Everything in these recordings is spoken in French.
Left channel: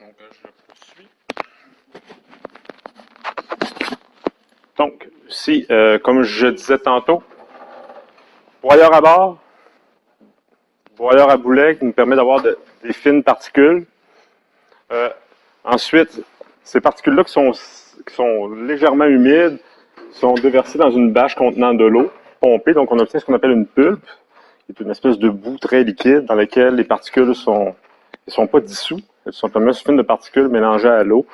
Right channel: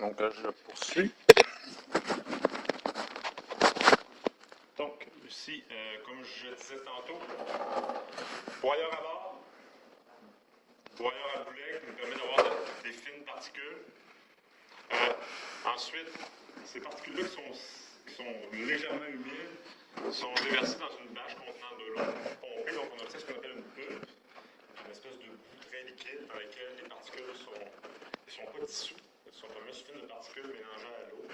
Donc, je poursuis. Donc, ici, comme je disais tantôt, broyeur à bord, broyeur à boulet qui nous permet d'avoir des fines particules. Ensuite, ces particules-là qui sont légèrement humides sont déversées dans une bâche contenant de l'eau pompée. Donc, on obtient ce qu'on appelle une pulpe, qui est une espèce de boue très liquide dans laquelle les particules ne sont pas dissous. Elles sont simplement fines de particules mélangées à l'eau.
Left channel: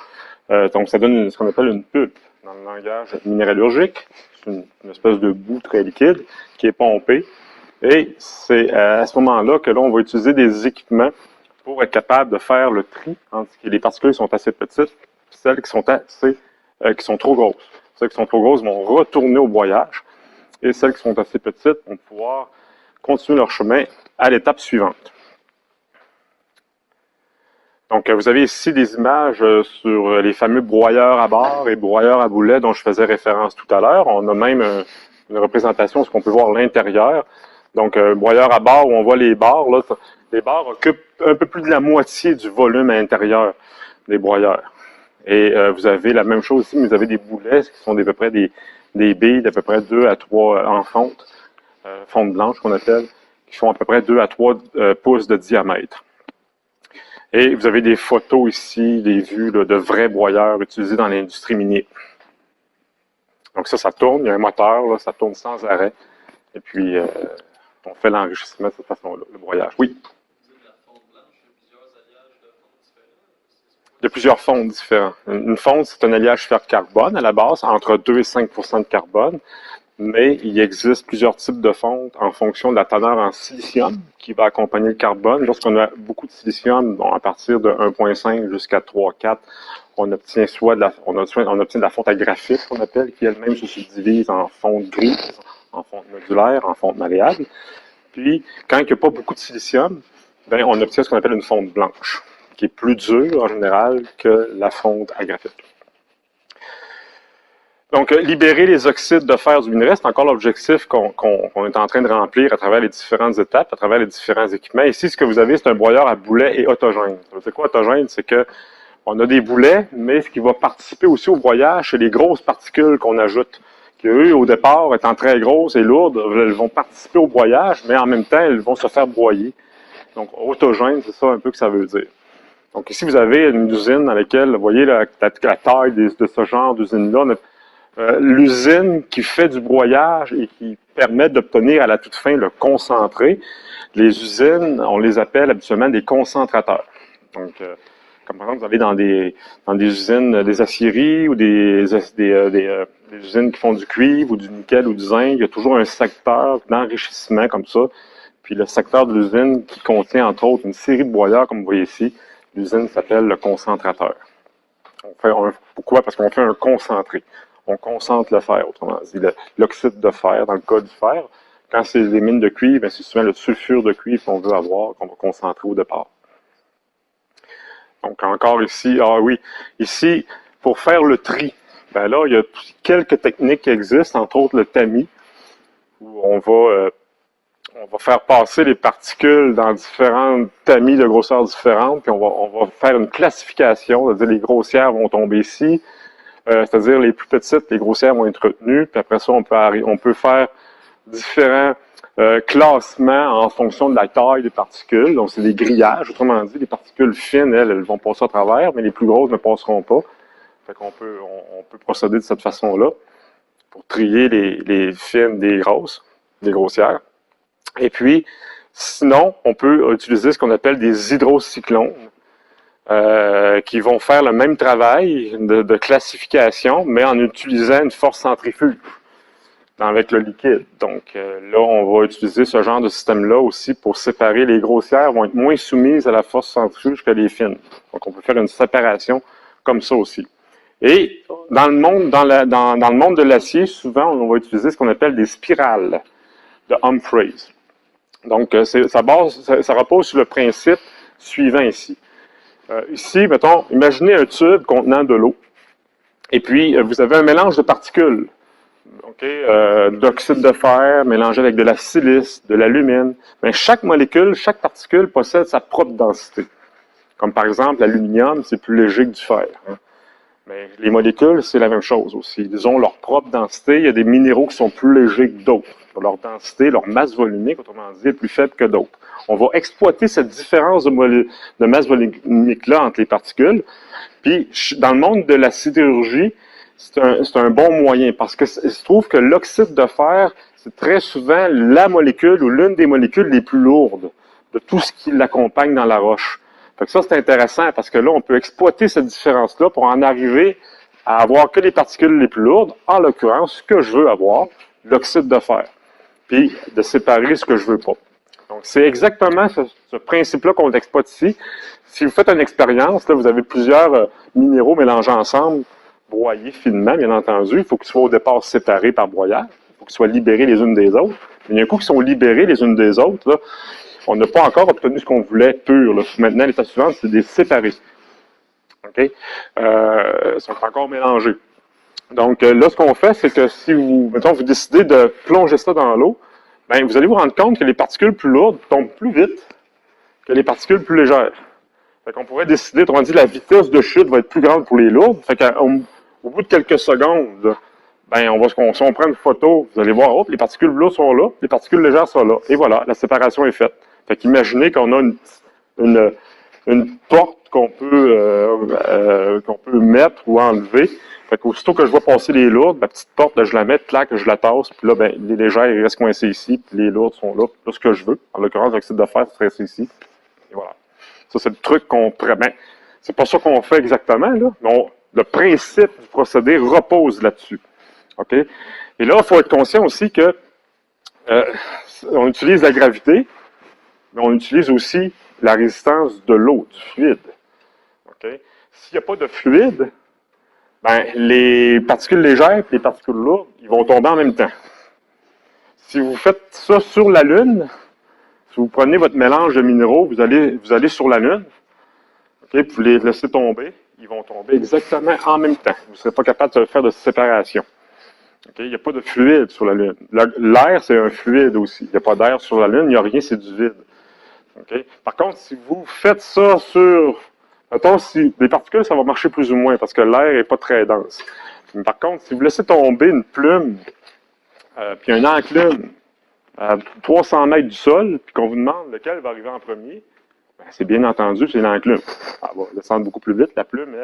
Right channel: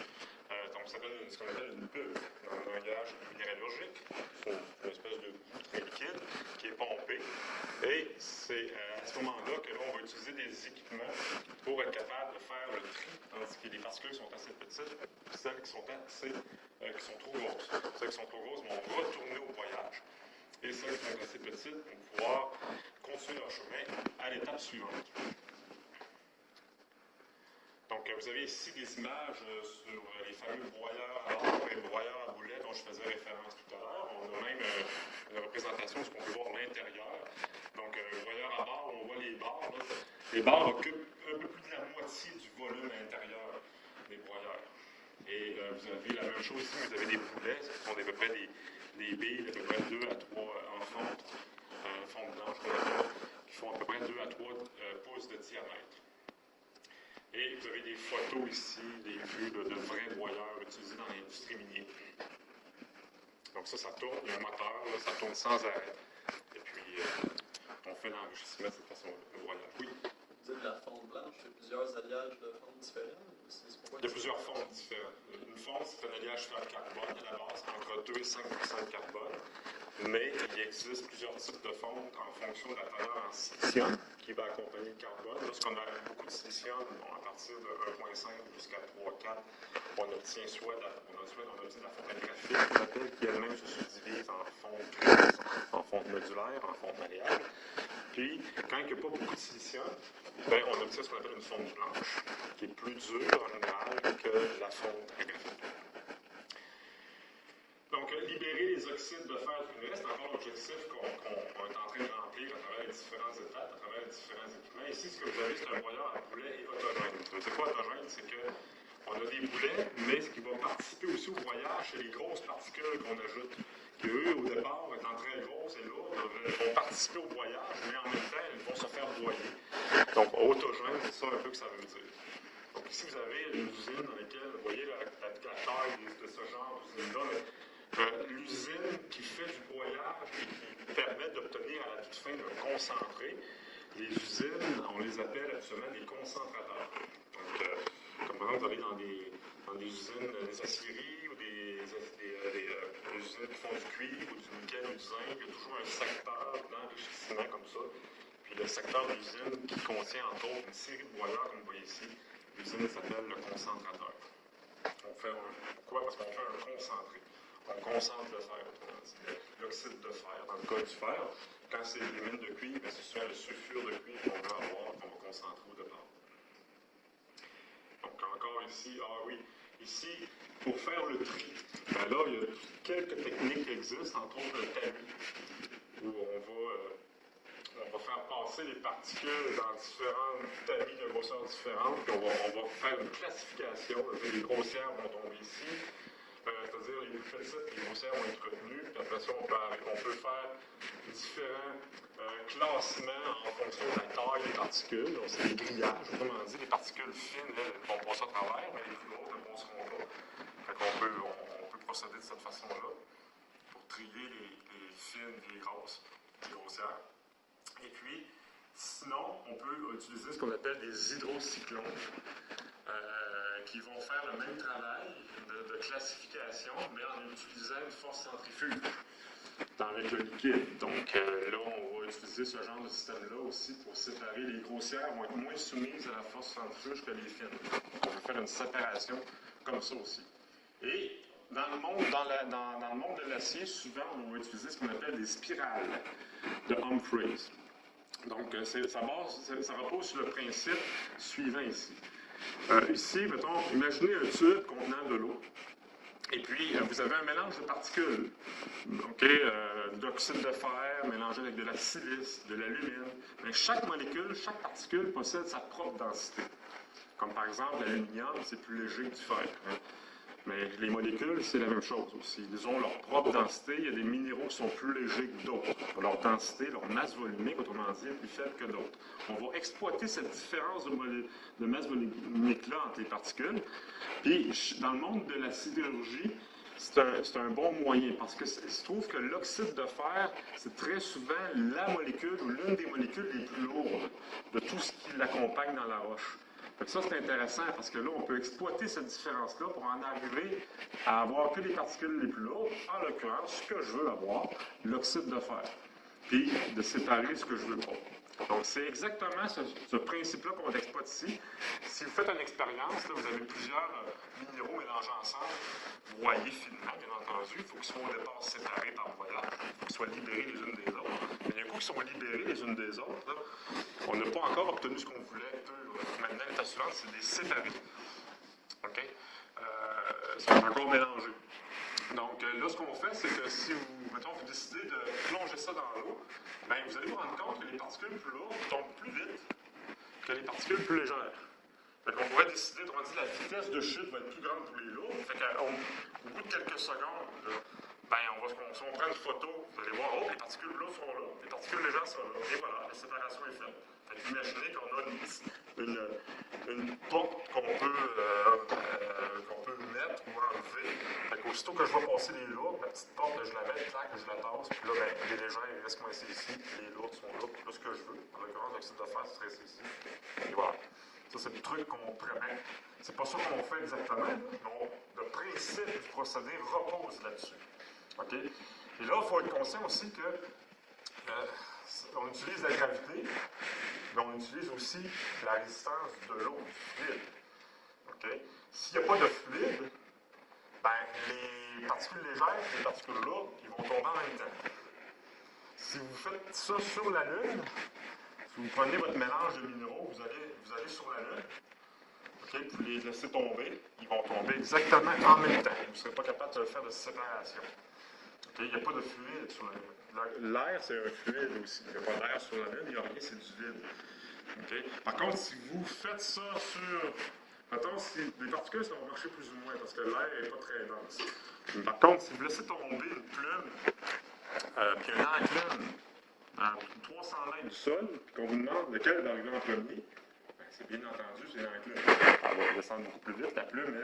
Donc, ça donne ce qu'on appelle une pulpe dans le langage minéralogique. C'est une espèce de boue très liquide qui est pompée. Et c'est à ce moment-là que là, on va utiliser des équipements pour être capable de faire le tri entre les particules qui sont assez petites et celles qui sont trop grosses. Celles qui sont trop grosses vont retourner au broyage et celles qui sont assez petites vont pouvoir continuer leur chemin à l'étape suivante. Donc, vous avez ici des images sur les fameux broyeurs à bord et broyeurs à boulet dont je faisais référence tout à l'heure. On a même une représentation de ce qu'on peut voir à l'intérieur. Donc, broyeur à bord où on voit les barres. Là, les barres occupent un peu plus de la moitié du volume à l'intérieur des broyeurs. Et vous avez la même chose ici, mais vous avez des boulets qui sont à peu près des billes d'à peu près 2 à 3 en fonte blanche qu'on appelle, qui font à peu près 2 à 3 pouces de diamètre. Et vous avez des photos ici, des vues là, de vrais broyeurs utilisés dans l'industrie minière. Donc ça tourne, il y a un moteur, là, ça tourne sans arrêt. Et puis, on fait l'enrichissement de cette façon-là, le broyage. Oui? Vous dites de la fonte blanche, il y a plusieurs alliages de fonte différents? Il y a plusieurs fontes différents. Une fonte, c'est un alliage fer-carbone à la base, entre 2 et 5 de carbone. Mais il existe plusieurs types de fontes en fonction de la teneur en silicium qui va accompagner le carbone. Lorsqu'on a beaucoup de silicium, bon, à partir de 1,5 jusqu'à 3,4, on obtient on obtient de la fonte à graphite, qu'on appelle, qui elle-même se subdivise en fonte grise, en fonte modulaire, en fonte malléable. Puis, quand il n'y a pas beaucoup de silicium, bien, on obtient ce qu'on appelle une fonte blanche, qui est plus dure en général que la fonte à graphite. Donc, libérer les oxydes de fer du minerai, c'est encore l'objectif qu'on est en train de remplir à travers les différentes étapes, à travers les différents équipements. Ici, ce que vous avez, c'est un broyeur à boulet et autogène. Ça veut dire quoi, autogène? C'est que on a des boulets, mais ce qui va participer aussi au broyage, c'est les grosses particules qu'on ajoute, qui, eux, au départ, étant très grosses et lourdes, elles vont participer au broyage, mais en même temps, elles vont se faire broyer. Donc, autogène, c'est ça un peu que ça veut dire. Donc, ici, vous avez une usine dans laquelle, vous voyez la taille de ce genre d'usine-là, l'usine qui fait du broyage et qui permet d'obtenir à la toute fin le concentré. Les usines, on les appelle habituellement des concentrateurs. Donc, comme par exemple, vous allez dans des usines, des aciéries ou des usines qui font du cuivre ou du nickel ou du zinc, il y a toujours un secteur d'enrichissement comme ça. Puis le secteur de l'usine qui contient entre autres une série de broyeurs, comme vous voyez ici, l'usine s'appelle le concentrateur. Pourquoi? Parce qu'on fait un concentré. On concentre le fer, autrement dit, l'oxyde de fer, dans le cas du fer. Quand c'est des mines de cuivre, c'est souvent le sulfure de cuivre qu'on veut avoir, qu'on va concentrer au départ. Donc, encore ici, ici, pour faire le tri, ben là, il y a quelques techniques qui existent, entre autres le tamis, où on va faire passer les particules dans différents tamis de grosseurs différentes, puis on va faire une classification, c'est-à-dire les grossières vont tomber ici, c'est-à-dire les plus petites, les grossières vont être retenues, puis après ça, on peut faire différents classements en fonction de la taille des particules. Donc, c'est des grillages, autrement dit, les particules fines, elles vont passer à travers, mais les plus grosses ne passeront pas. Fait qu'on on peut procéder de cette façon-là pour trier les fines des grosses, des grossières. Et puis, sinon, on peut utiliser ce qu'on appelle des hydrocyclones, qui vont faire le même travail de classification, mais en utilisant une force centrifuge avec le liquide. Donc là, on va utiliser ce genre de système-là aussi pour séparer. Les grossières vont être moins soumises à la force centrifuge que les fines. Donc on peut faire une séparation comme ça aussi. Et dans le monde, dans le monde de l'acier, souvent, on va utiliser ce qu'on appelle des spirales de Humphreys. Donc ça repose sur le principe suivant ici. Ici, mettons, imaginez un tube contenant de l'eau. Et puis, vous avez un mélange de particules. D'oxyde de fer mélangé avec de la silice, de l'alumine. Mais chaque molécule, chaque particule possède sa propre densité. Comme par exemple, l'aluminium, c'est plus léger que du fer. Hein. Mais les molécules, c'est la même chose aussi. Ils ont leur propre densité. Il y a des minéraux qui sont plus légers que d'autres. Leur densité, leur masse volumique, autrement dit, est plus faible que d'autres. On va exploiter cette différence de masse volumique-là entre les particules. Puis, dans le monde de la sidérurgie, c'est un bon moyen parce que il se trouve que l'oxyde de fer, c'est très souvent la molécule ou l'une des molécules les plus lourdes de tout ce qui l'accompagne dans la roche. Fait que ça, c'est intéressant parce que là, on peut exploiter cette différence-là pour en arriver à avoir que les particules les plus lourdes, en l'occurrence, ce que je veux avoir, l'oxyde de fer, puis de séparer ce que je veux pas. Donc, c'est exactement ce principe-là qu'on exploite ici. Si vous faites une expérience, là, vous avez plusieurs minéraux mélangés ensemble, broyés finement, bien entendu. Il faut qu'ils soient au départ séparés par broyage. Il faut qu'ils soient libérés les unes des autres. Il y a un coup qu'ils sont libérés les unes des autres, là, on n'a pas encore obtenu ce qu'on voulait pur. Là. Maintenant, l'étape suivante, c'est de les séparer. OK? Ils sont encore mélangés. Donc, là, ce qu'on fait, c'est que si vous, mettons, vous décidez de plonger ça dans l'eau, bien, vous allez vous rendre compte que les particules plus lourdes tombent plus vite que les particules plus légères. Fait qu'on pourrait décider, autrement dit, la vitesse de chute va être plus grande pour les lourdes. Fait qu'au bout de quelques secondes, ben, si on prend une photo, vous allez voir, oh, les particules lourdes sont là, les particules légères sont là. Et voilà, la séparation est faite. Fait qu'imaginez qu'on a une porte qu'on peut mettre ou enlever. Fait qu'aussitôt que je vois passer les lourdes, ma petite porte, là, je la mets, clac, je la tasse, puis là, ben, les légères, ils restent coincés ici, puis les lourdes sont là, puis là, ce que je veux. En l'occurrence, l'oxyde de fer, ça serait ici. Et voilà. Ça, c'est le truc qu'on pourrait. Ben, c'est pas ça qu'on fait exactement, là, mais le principe du procédé repose là-dessus. OK? Et là, il faut être conscient aussi que on utilise la gravité, mais on utilise aussi la résistance de l'eau, du fluide. Okay? S'il n'y a pas de fluide, ben, les particules légères et les particules lourdes, ils vont tomber en même temps. Si vous faites ça sur la Lune, si vous prenez votre mélange de minéraux, vous allez sur la Lune, okay, vous les laissez tomber, ils vont tomber exactement en même temps. Vous ne serez pas capable de faire de séparation. Okay? Il n'y a pas de fluide sur la Lune. L'air, c'est un fluide aussi. Il n'y a pas d'air sur la Lune, il n'y a rien, c'est du vide. Okay? Par contre, si vous faites ça sur... Mettons, si les particules, ça va marcher plus ou moins parce que l'air n'est pas très dense. Mais par contre, si vous laissez tomber une plume, puis un enclume à 300 mètres du sol, puis qu'on vous demande lequel va arriver en premier, ben, c'est bien entendu, c'est l'enclume. Elle va descendre beaucoup plus vite. La plume,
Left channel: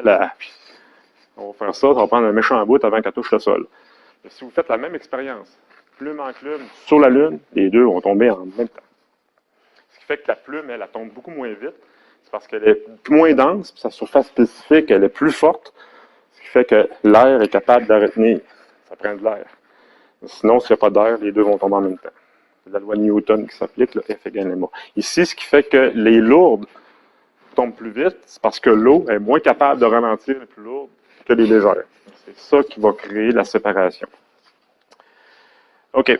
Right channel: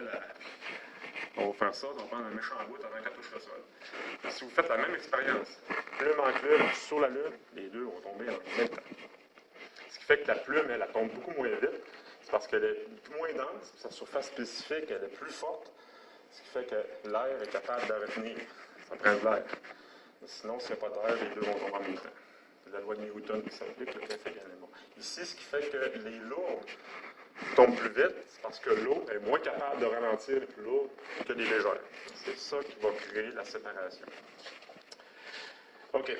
on va faire ça va prendre un méchant bout avant qu'elle touche le sol. Mais si vous faites la même expérience, plume enclume sur la Lune, les deux vont tomber en même temps. Ce qui fait que la plume, elle tombe beaucoup moins vite. C'est parce qu'elle est moins dense, puis sa surface spécifique, elle est plus forte, ce qui fait que l'air est capable de retenir. Ça prend de l'air. Sinon, s'il n'y a pas d'air, les deux vont tomber en même temps. C'est la loi de Newton qui s'applique, le F égale ma. Ici, ce qui fait que les lourdes tombent plus vite, c'est parce que l'eau est moins capable de ralentir les plus lourdes que les légères. C'est ça qui va créer la séparation. OK.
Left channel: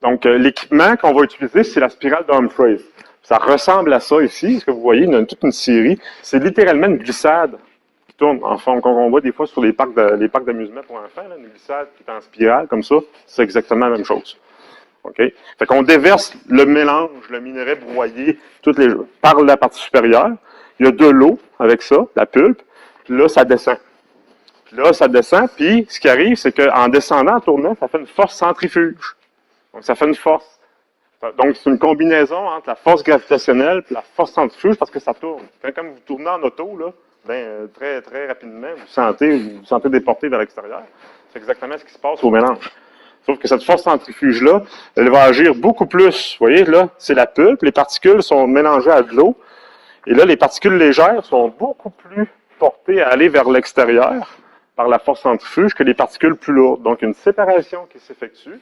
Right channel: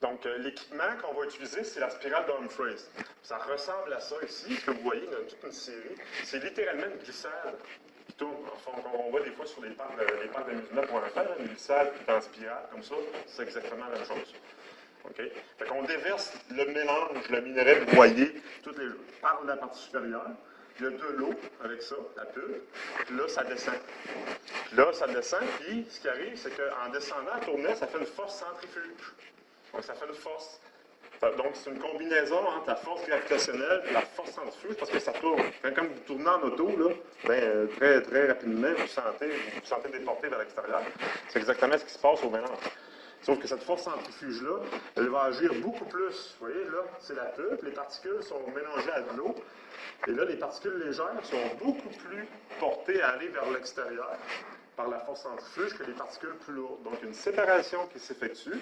Donc, l'équipement qu'on va utiliser, c'est la spirale d'Humphreys. Ça ressemble à ça ici, ce que vous voyez, il y a toute une série. C'est littéralement une glissade qui tourne. Enfin, comme on voit des fois sur les parcs d'amusement pour enfants, une glissade qui est en spirale, comme ça, c'est exactement la même chose. OK? Fait qu'on déverse le mélange, le minerai broyé, par la partie supérieure. Il y a de l'eau avec ça, la pulpe. Là, ça descend. Là, ça descend, puis ce qui arrive, c'est qu'en descendant, en tournant, ça fait une force centrifuge. Donc, ça fait une force. Donc, c'est une combinaison entre la force gravitationnelle et la force centrifuge parce que ça tourne. Comme vous tournez en auto, là, ben, très, très rapidement, vous vous sentez déporté vers l'extérieur. C'est exactement ce qui se passe au mélange. Sauf que cette force centrifuge-là, elle va agir beaucoup plus. Vous voyez, là, c'est la pulpe, les particules sont mélangées à de l'eau. Et là, les particules légères sont beaucoup plus portées à aller vers l'extérieur par la force centrifuge que les particules plus lourdes. Donc, une séparation qui s'effectue.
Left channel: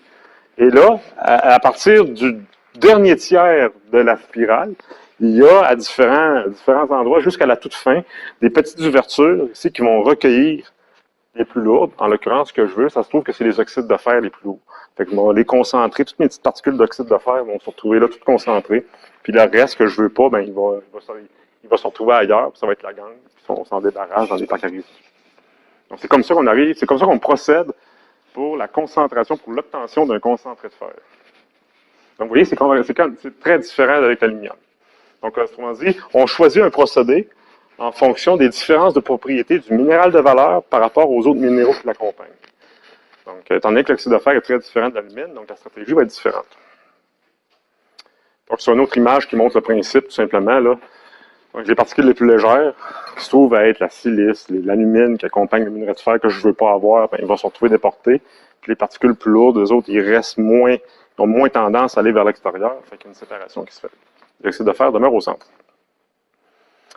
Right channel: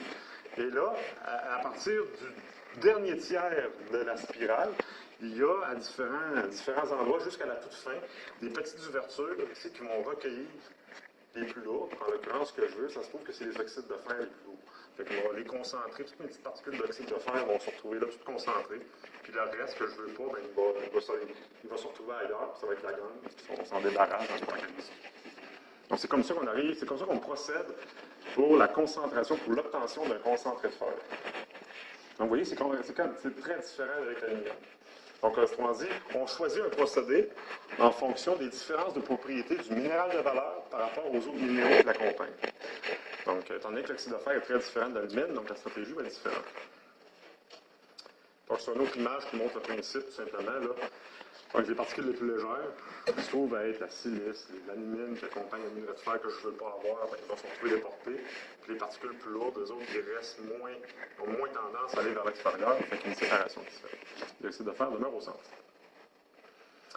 Et là, à partir du dernier tiers de la spirale, il y a à différents endroits, jusqu'à la toute fin, des petites ouvertures ici qui vont recueillir les plus lourdes. En l'occurrence, ce que je veux, ça se trouve que c'est les oxydes de fer les plus lourds. Fait que les concentrer, toutes mes petites particules d'oxyde de fer vont se retrouver là, toutes concentrées. Puis le reste que je veux pas, ben, il va se retrouver ailleurs, puis ça va être la gangue. On s'en débarrasse dans les parcs à risque. Donc c'est comme ça qu'on arrive, c'est comme ça qu'on procède pour la concentration, pour l'obtention d'un concentré de fer. Donc, vous voyez, c'est très différent avec l'aluminium. Donc, autrement dit, on choisit un procédé en fonction des différences de propriété du minéral de valeur par rapport aux autres minéraux qui l'accompagnent. Donc, étant donné que l'oxyde de fer est très différent de l'alumine, donc la stratégie va être différente. Donc, c'est une autre image qui montre le principe, tout simplement, là. Donc, les particules les plus légères, qui se trouvent à être la silice, l'alumine qui accompagne le minerai de fer que je ne veux pas avoir, ben, il va se retrouver déporté. Puis les particules plus lourdes, eux autres, ils restent moins, ont moins tendance à aller vers l'extérieur. Fait qu'il y a une séparation qui se fait. L'oxyde de fer demeure au centre.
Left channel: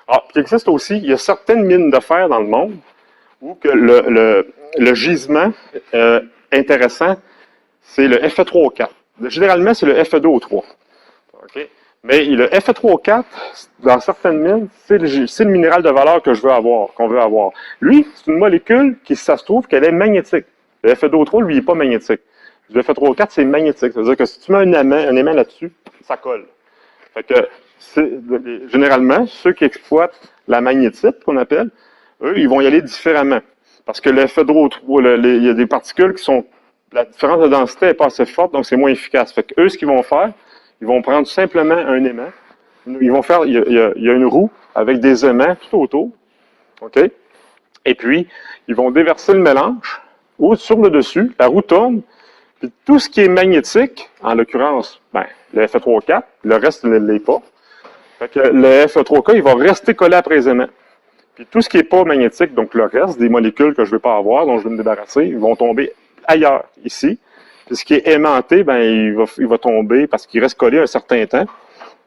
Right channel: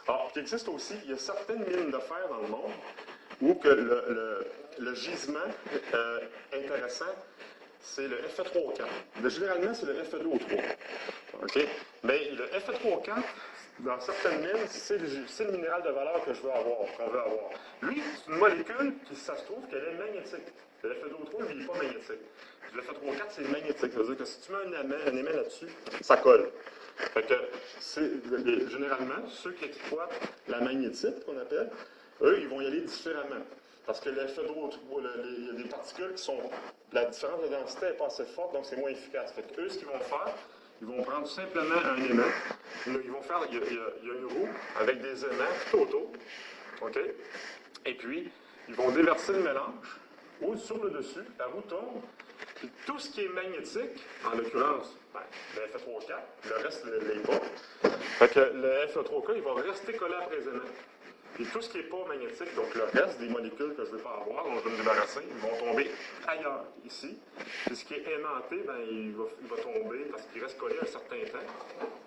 Ah, puis il existe aussi, il y a certaines mines de fer dans le monde où que le gisement intéressant, c'est le Fe3O4. Généralement, c'est le Fe2O3. Okay? Mais le Fe3O4, dans certaines mines, c'est le minéral de valeur que qu'on veut avoir. Lui, c'est une molécule qui, ça se trouve, qu'elle est magnétique. Le Fe2O3, lui, il n'est pas magnétique. Le Fe3O4, c'est magnétique. Ça veut dire que si tu mets un aimant là-dessus, ça colle. Fait que, généralement, ceux qui exploitent la magnétite, qu'on appelle, eux, ils vont y aller différemment. Parce que le Fe2O3, il y a des particules qui sont... La différence de densité n'est pas assez forte, donc c'est moins efficace. Fait que eux, ce qu'ils vont faire, ils vont prendre simplement un aimant. Ils vont faire, il y a une roue avec des aimants tout autour. OK? Et puis, ils vont déverser le mélange ou sur le dessus. La roue tourne. Puis tout ce qui est magnétique, en l'occurrence, ben, le Fe3O4, le reste ne l'est pas. Fait que le Fe3K, il va rester collé après les aimants. Puis tout ce qui n'est pas magnétique, donc le reste des molécules que je ne veux pas avoir, dont je veux me débarrasser, ils vont tomber ailleurs, ici. Puis ce qui est aimanté, ben, il va tomber parce qu'il reste collé un certain temps.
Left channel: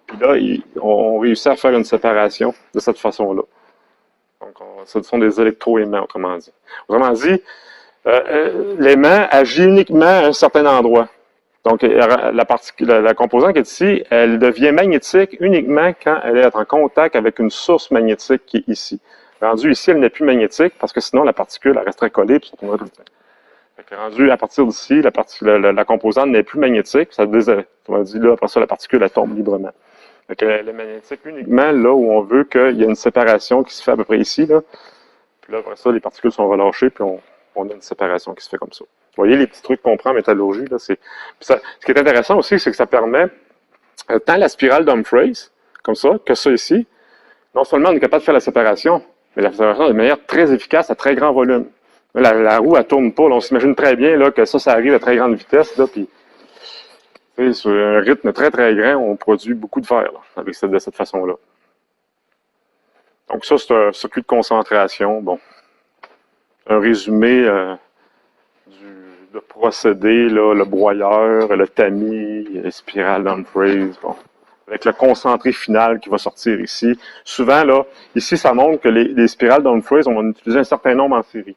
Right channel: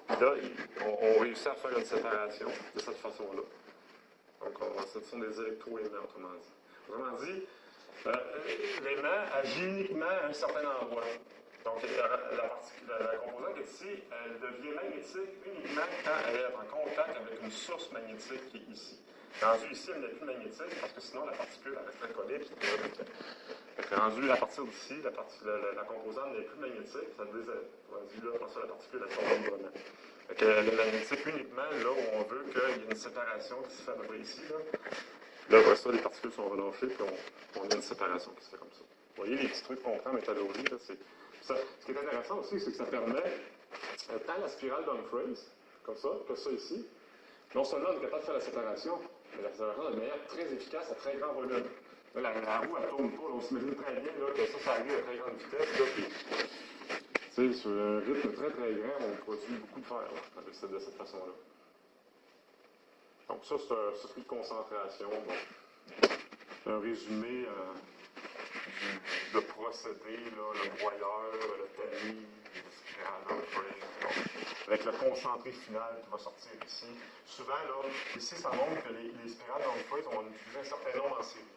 Puis là, on réussit à faire une séparation de cette façon-là. Donc, ce sont des électroaimants, autrement dit. Autrement dit, l'aimant agit uniquement à un certain endroit. Donc, la composante qui est ici, elle devient magnétique uniquement quand elle est en contact avec une source magnétique qui est ici. Rendu ici, elle n'est plus magnétique parce que sinon, la particule elle resterait collée et ça tomberait tout le temps. Rendu à partir d'ici, la composante n'est plus magnétique. Ça on dit là, après ça, la particule elle tombe librement. Donc, elle est magnétique uniquement là où on veut qu'il y ait une séparation qui se fait à peu près ici. Là. Puis là, après ça, les particules sont relâchées, puis on a une séparation qui se fait comme ça. Vous voyez les petits trucs qu'on prend en métallurgie. Là, ce qui est intéressant aussi, c'est que ça permet, tant la spirale d'Humphreys, comme ça, que ça ici, non seulement on est capable de faire la séparation, mais la séparation de manière très efficace à très grand volume. La roue, elle tourne pas. Là, on s'imagine très bien là, que ça arrive à très grande vitesse. Là, puis, sur un rythme très, très grand, on produit beaucoup de fer là, de cette façon-là. Donc ça, c'est un circuit de concentration. Bon, un résumé de procédé, là, le broyeur, le tamis, les spirales d'Humphreys, bon, avec le concentré final qui va sortir ici. Souvent, là, ici, ça montre que les spirales d'Humphreys, on va en utiliser un certain nombre en série.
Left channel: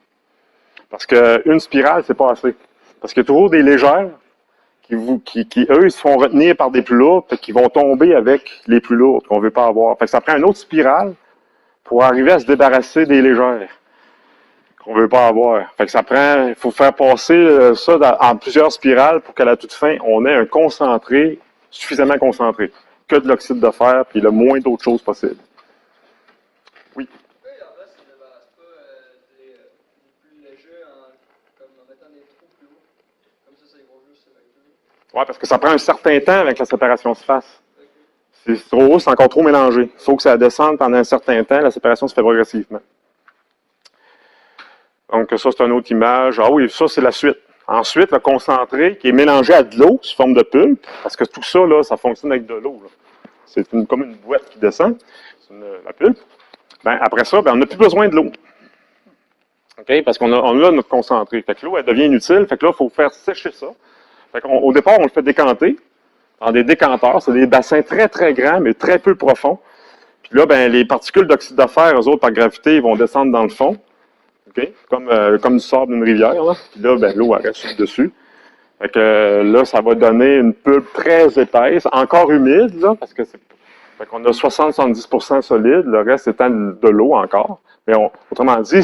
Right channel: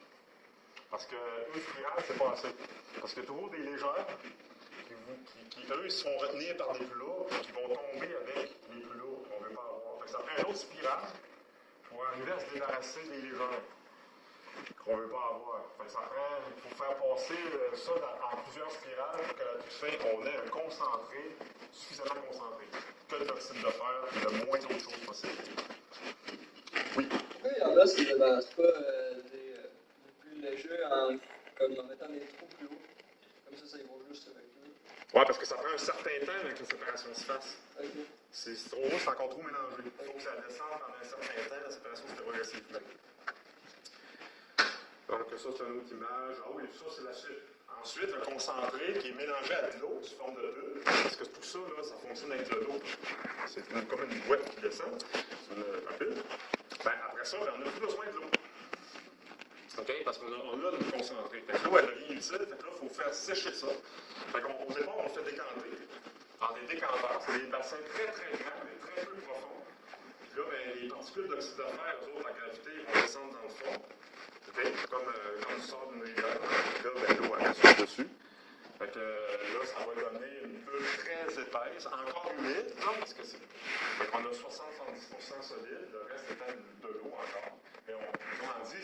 Parce qu'une spirale, c'est pas assez. Parce qu'il y a toujours des légères qui eux, ils se font retenir par des plus lourdes, et qui vont tomber avec les plus lourdes qu'on ne veut pas avoir. Fait que ça prend une autre spirale pour arriver à se débarrasser des légères qu'on ne veut pas avoir. Fait que ça prend, il faut faire passer ça en plusieurs spirales pour qu'à la toute fin, on ait un concentré, suffisamment concentré, que de l'oxyde de fer, puis le moins d'autres choses possible. Oui. Pourquoi il y en a qui ne débarrassent pas des plus légers comme en mettant des trous plus hauts? Comme ça, ils vont juste se mettre. Oui, parce que ça prend un certain temps avec que la séparation se fasse. Okay. Si c'est trop haut, c'est encore trop mélangé. Il faut que ça descende pendant un certain temps, la séparation se fait progressivement. Donc, ça, c'est une autre image. Ah oui, ça, c'est la suite. Ensuite, le concentré qui est mélangé à de l'eau sous forme de pulpe, parce que tout ça, là, ça fonctionne avec de l'eau. C'est comme une boîte qui descend, la pulpe. Ben, après ça, ben, on n'a plus besoin de l'eau. Okay? Parce qu'on a notre concentré. Fait que l'eau, elle devient inutile. Fait que là, il faut faire sécher ça. Fait qu'au départ, on le fait décanter dans des décanteurs. C'est des bassins très, très grands, mais très peu profonds. Puis là, ben, les particules d'oxyde de fer, eux autres, par gravité, ils vont descendre dans le fond. Okay? Comme du sable d'une rivière. Là, puis là ben, l'eau reste dessus. Fait que là, ça va donner une pulpe très épaisse, encore humide, là, parce que fait qu'on a 60-70% solide, le reste étant de l'eau encore. Mais autrement dit,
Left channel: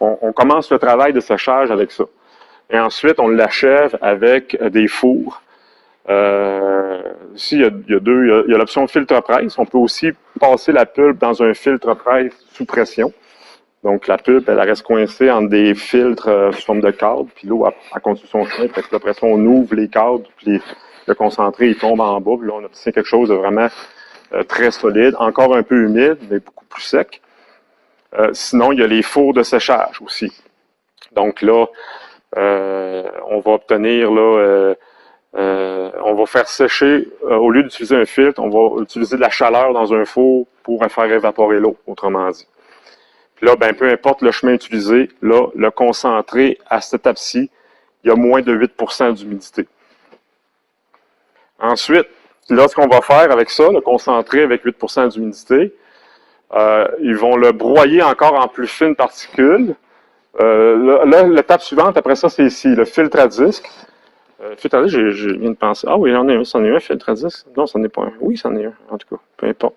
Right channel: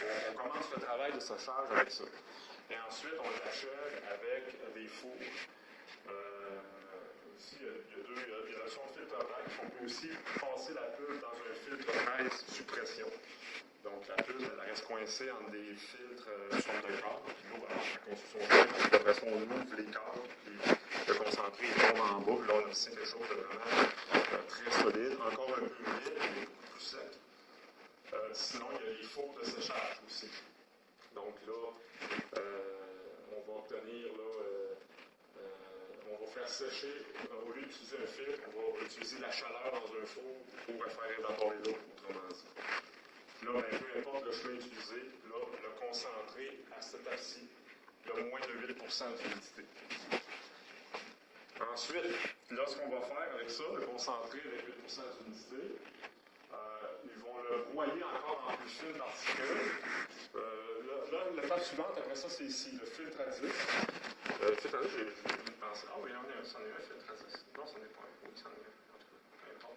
on commence le travail de séchage avec ça. Et ensuite, on l'achève avec des fours. Ici, il y a l'option filtre-presse. On peut aussi passer la pulpe dans un filtre-presse sous pression. Donc, la pulpe, elle reste coincée entre des filtres sous forme de câble, puis l'eau, elle continue son chemin. Fait que après ça, on ouvre les câbles, puis le concentré, il tombe en bas, puis là, on obtient quelque chose de vraiment très solide, encore un peu humide, mais beaucoup plus sec. Sinon, il y a les fours de séchage aussi. Donc là, on va obtenir, là, on va faire sécher, au lieu d'utiliser un filtre, on va utiliser de la chaleur dans un four pour faire évaporer l'eau, autrement dit. Là, ben, peu importe le chemin utilisé, là, le concentré à cette étape-ci, il y a moins de 8% d'humidité. Ensuite, là, ce qu'on va faire avec ça, le concentré avec 8% d'humidité, ils vont le broyer encore en plus fines particules. Là, l'étape suivante, après ça, c'est ici, le filtre à disque. Filtre à disque, je viens de penser. Ah oui, c'en est un, filtre à disque. Non, c'en est pas un. Oui, c'en est un, en tout cas. Peu importe.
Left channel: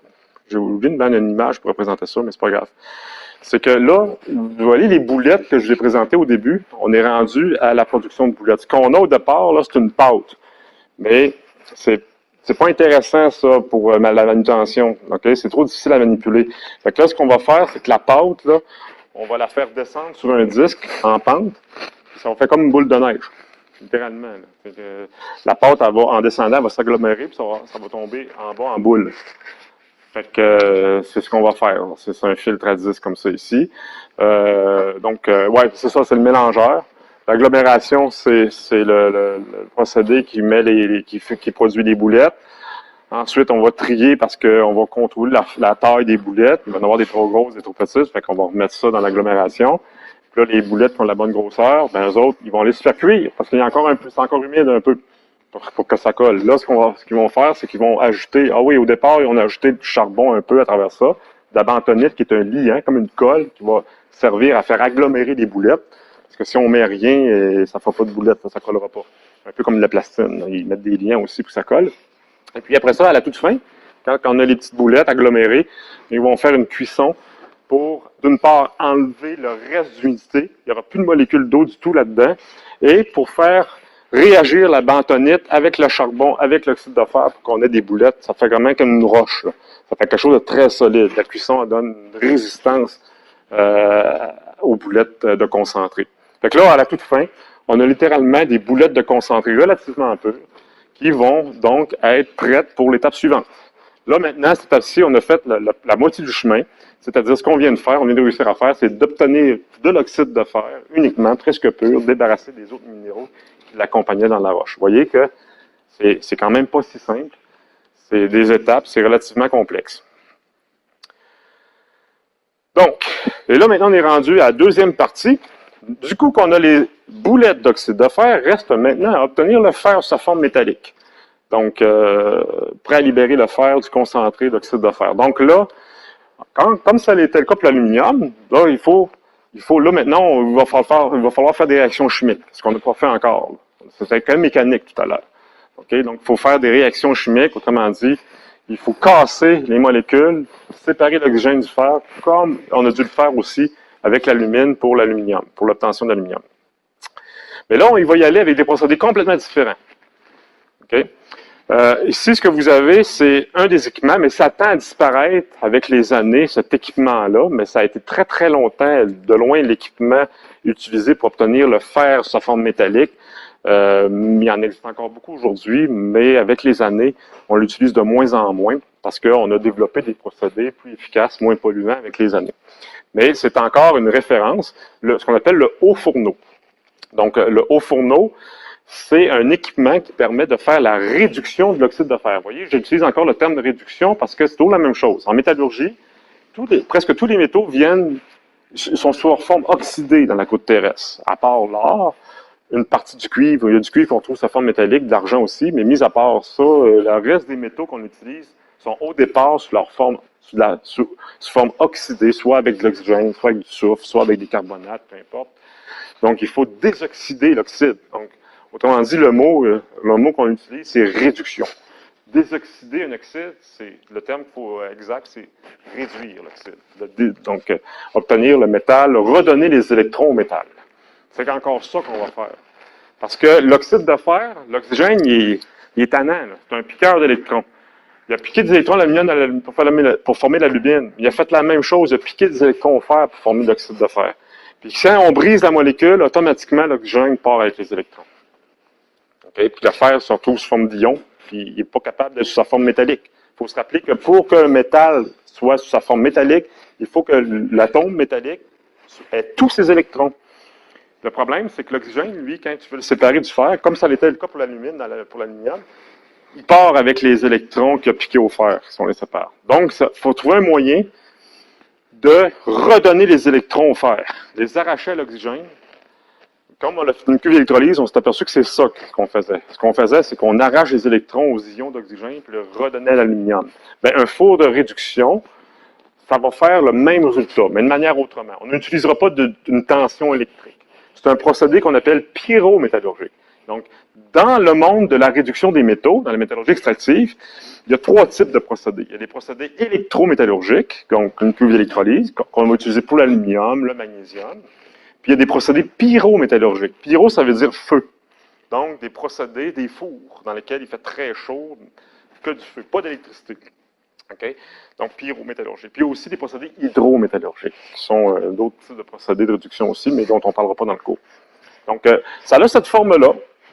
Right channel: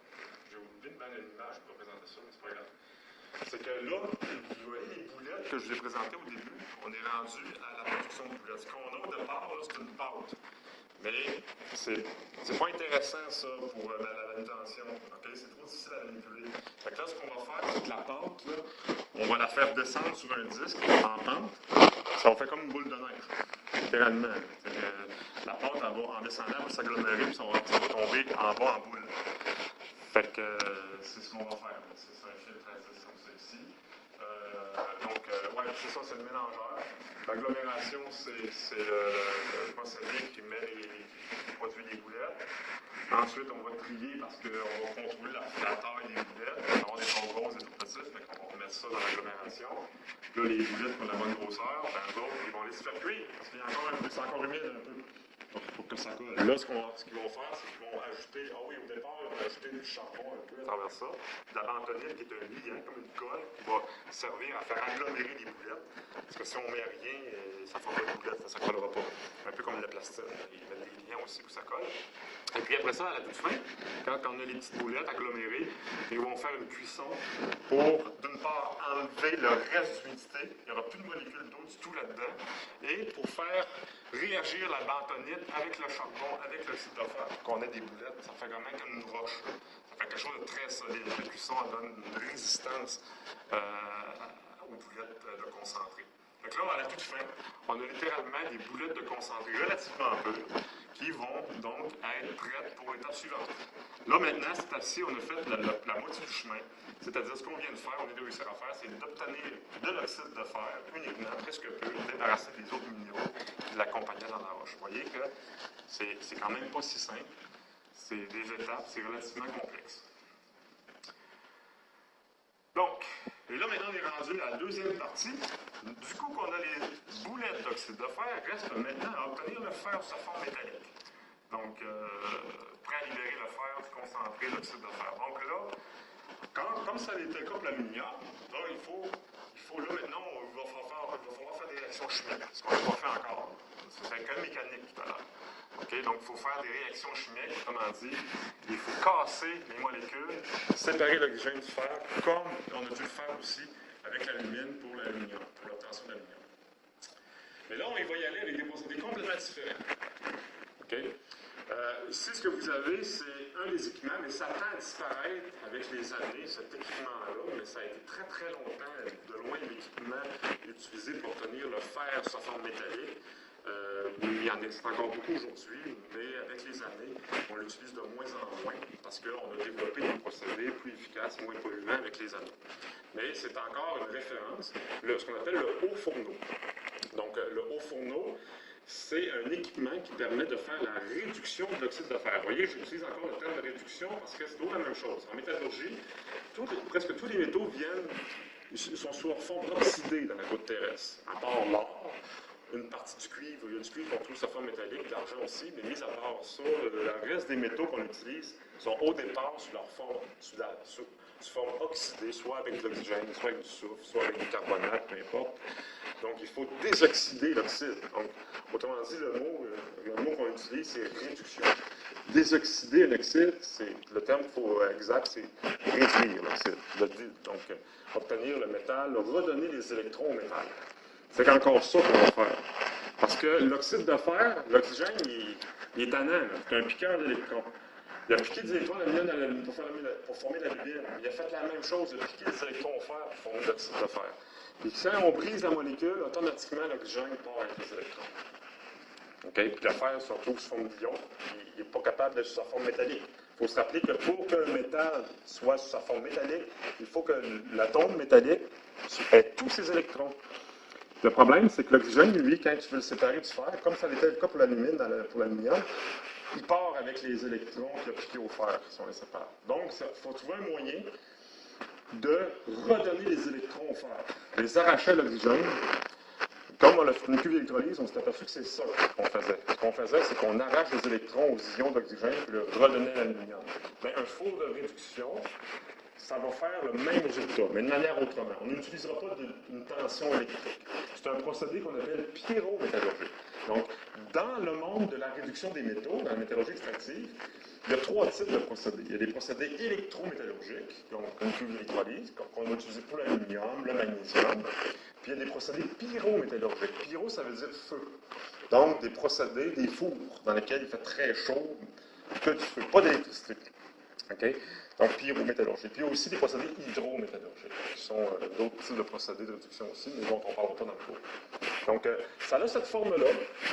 J'ai oublié de mettre une image pour représenter ça, mais c'est pas grave. C'est que là, vous voyez les boulettes que je vous ai présentées au début, on est rendu à la production de boulettes. Ce qu'on a au départ, là, c'est une pâte. Mais c'est pas intéressant, ça, pour la manutention. Okay? C'est trop difficile à manipuler. Fait que là, ce qu'on va faire, c'est que la pâte, là, on va la faire descendre sur un disque en pente. Ça va faire comme une boule de neige, littéralement. La pâte, elle va, en descendant, elle va s'agglomérer, puis ça va tomber en bas en boule. Fait que c'est ce qu'on va faire. C'est un filtre à disque comme ça ici. Ouais, c'est ça, c'est le mélangeur. L'agglomération, c'est le procédé qui met qui produit les boulettes. Ensuite, on va trier parce qu'on va contrôler la taille des boulettes. Il va y en avoir des trop grosses, des trop petites. Fait qu'on va remettre ça dans l'agglomération. Là, les boulettes qui ont la bonne grosseur, ben, eux autres, ils vont aller se faire cuire parce qu'il y a encore c'est encore humide un peu pour que ça colle. Là, ce qu'ils vont faire, c'est qu'ils vont ajouter, ah oui, au départ, ils ont ajouté du charbon un peu à travers ça, de la bentonite qui est un liant, comme une colle, qui va servir à faire agglomérer les boulettes. Parce que si on met rien, ça ne fera pas de boulettes, ça ne collera pas. Un peu comme de la plastine. Là. Ils mettent des liens aussi pour que ça colle. Et puis après ça, à la toute fin, quand on a les petites boulettes agglomérées, ils vont faire une cuisson pour, d'une part, enlever le reste d'humidité. Il n'y aura plus de molécules d'eau du tout là-dedans. Et pour faire réagir la bentonite avec le charbon, avec l'oxyde de fer, pour qu'on ait des boulettes, ça fait vraiment comme une roche. Là. Ça fait quelque chose de très solide. La cuisson elle donne une résistance aux boulettes de concentré. Fait que là, à la toute fin, on a littéralement des boulettes de concentré relativement peu qui vont donc être prêtes pour l'étape suivante. Là, maintenant, cette étape-ci, on a fait la moitié du chemin, c'est-à-dire ce qu'on vient de faire, on vient de réussir à faire, c'est d'obtenir de l'oxyde de fer uniquement, presque pur, débarrassé des autres minéraux qui l'accompagnaient dans la roche. Vous voyez que c'est quand même pas si simple. C'est des étapes, c'est relativement complexe. Donc, et là, maintenant, on est rendu à la deuxième partie. Du coup, qu'on a les boulettes d'oxyde de fer, reste maintenant à obtenir le fer sous sa forme métallique. Donc, prêt à libérer le fer du concentré d'oxyde de fer. Donc là, comme ça l'était le cas pour l'aluminium, là, là maintenant, il va falloir faire des réactions chimiques, ce qu'on n'a pas fait encore. C'était quand même mécanique tout à l'heure. Okay? Donc, il faut faire des réactions chimiques, autrement dit, il faut casser les molécules, séparer l'oxygène du fer, comme on a dû le faire aussi avec l'alumine pour l'aluminium, pour l'obtention d'aluminium. Mais là, il va y aller avec des procédés complètement différents. Okay? Ici, ce que vous avez, c'est un des équipements, mais ça tend à disparaître avec les années, cet équipement-là, mais ça a été très, très longtemps, de loin, l'équipement utilisé pour obtenir le fer sous sa forme métallique. Il y en existe encore beaucoup aujourd'hui, mais avec les années, on l'utilise de moins en moins parce qu'on a développé des procédés plus efficaces, moins polluants avec les années. Mais c'est encore une référence, ce qu'on appelle le haut fourneau. Donc, le haut fourneau, c'est un équipement qui permet de faire la réduction de l'oxyde de fer. Vous voyez, j'utilise encore le terme de réduction parce que c'est toujours la même chose. En métallurgie, presque tous les métaux sont sous leur forme oxydée dans la croûte terrestre, à part l'or. Une partie du cuivre, il y a du cuivre qu'on trouve sous forme métallique, de l'argent aussi, mais mis à part ça, le reste des métaux qu'on utilise sont au départ sous leur forme, sous forme oxydée, soit avec de l'oxygène, soit avec du soufre, soit avec du carbonate, peu importe. Donc, il faut désoxyder l'oxyde. Donc, autrement dit, le mot qu'on utilise, c'est réduction. Désoxyder un oxyde, c'est le terme exact, c'est réduire l'oxyde. Donc, obtenir le métal, redonner les électrons au métal. C'est encore ça qu'on va faire. Parce que l'oxyde de fer, l'oxygène, il est tannant. C'est un piqueur d'électrons. Il a piqué des électrons d'aluminium pour former l'alumine. Il a fait la même chose, il a piqué des électrons au fer pour former l'oxyde de fer. Puis quand on brise la molécule, automatiquement, l'oxygène part avec les électrons. Okay? Puis le fer se retrouve sous forme d'ion, puis il n'est pas capable d'être sous sa forme métallique. Il faut se rappeler que pour qu'un métal soit sous sa forme métallique, il faut que l'atome métallique ait tous ses électrons. Le problème, c'est que l'oxygène, lui, quand tu veux le séparer du fer, comme ça l'était le cas pour l'aluminium, il part avec les électrons qu'il a piqués au fer, si on les sépare. Donc, il faut trouver un moyen de redonner les électrons au fer, les arracher à l'oxygène. Comme on a fait une cuve d'électrolyse, on s'est aperçu que c'est ça qu'on faisait. Ce qu'on faisait, c'est qu'on arrache les électrons aux ions d'oxygène et le redonnait à l'aluminium. Un four de réduction, ça va faire le même résultat, mais de manière autrement. On n'utilisera pas d'une tension électrique. C'est un procédé qu'on appelle pyrométallurgique. Donc, dans le monde de la réduction des métaux, dans la métallurgie extractive, il y a 3 types de procédés. Il y a des procédés électrométallurgiques, donc une cuve d'électrolyse, qu'on va utiliser pour l'aluminium, le magnésium. Puis il y a des procédés pyrométallurgiques. Pyro, ça veut dire feu. Donc, des procédés, des fours dans lesquels il fait très chaud, que du feu, pas d'électricité. Okay? Donc, pyrométallurgique. Puis il y a aussi des procédés hydrométallurgiques, qui sont d'autres types de procédés de réduction aussi, mais dont on ne parlera pas dans le cours. Donc, ça a cette forme-là.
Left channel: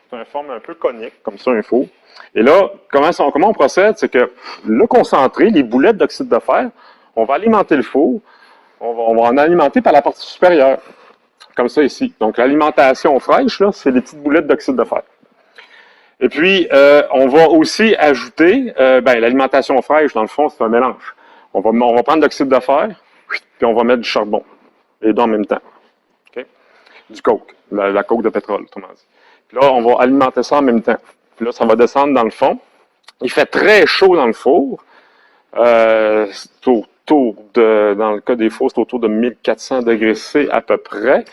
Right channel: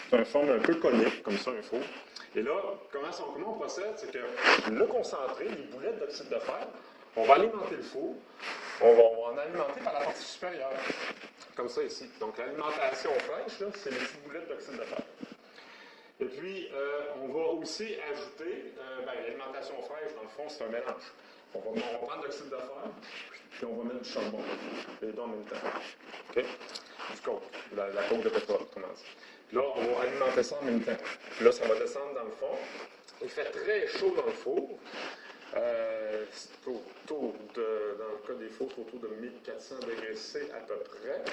C'est une forme un peu conique, comme ça, un four. Et là, comment on procède? C'est que le concentré, les boulettes d'oxyde de fer, on va alimenter le four, on va en alimenter par la partie supérieure, comme ça ici. Donc, l'alimentation fraîche, là, c'est des petites boulettes d'oxyde de fer. Et puis, on va aussi ajouter, l'alimentation fraîche, dans le fond, c'est un mélange. On va prendre l'oxyde de fer, puis on va mettre du charbon, les deux en même temps. Okay? Du coke, la coke de pétrole, autrement dit. Puis là, on va alimenter ça en même temps. Puis là, ça va descendre dans le fond. Il fait très chaud dans le four. Dans le cas des fours, c'est autour de 1400 degrés C à peu près.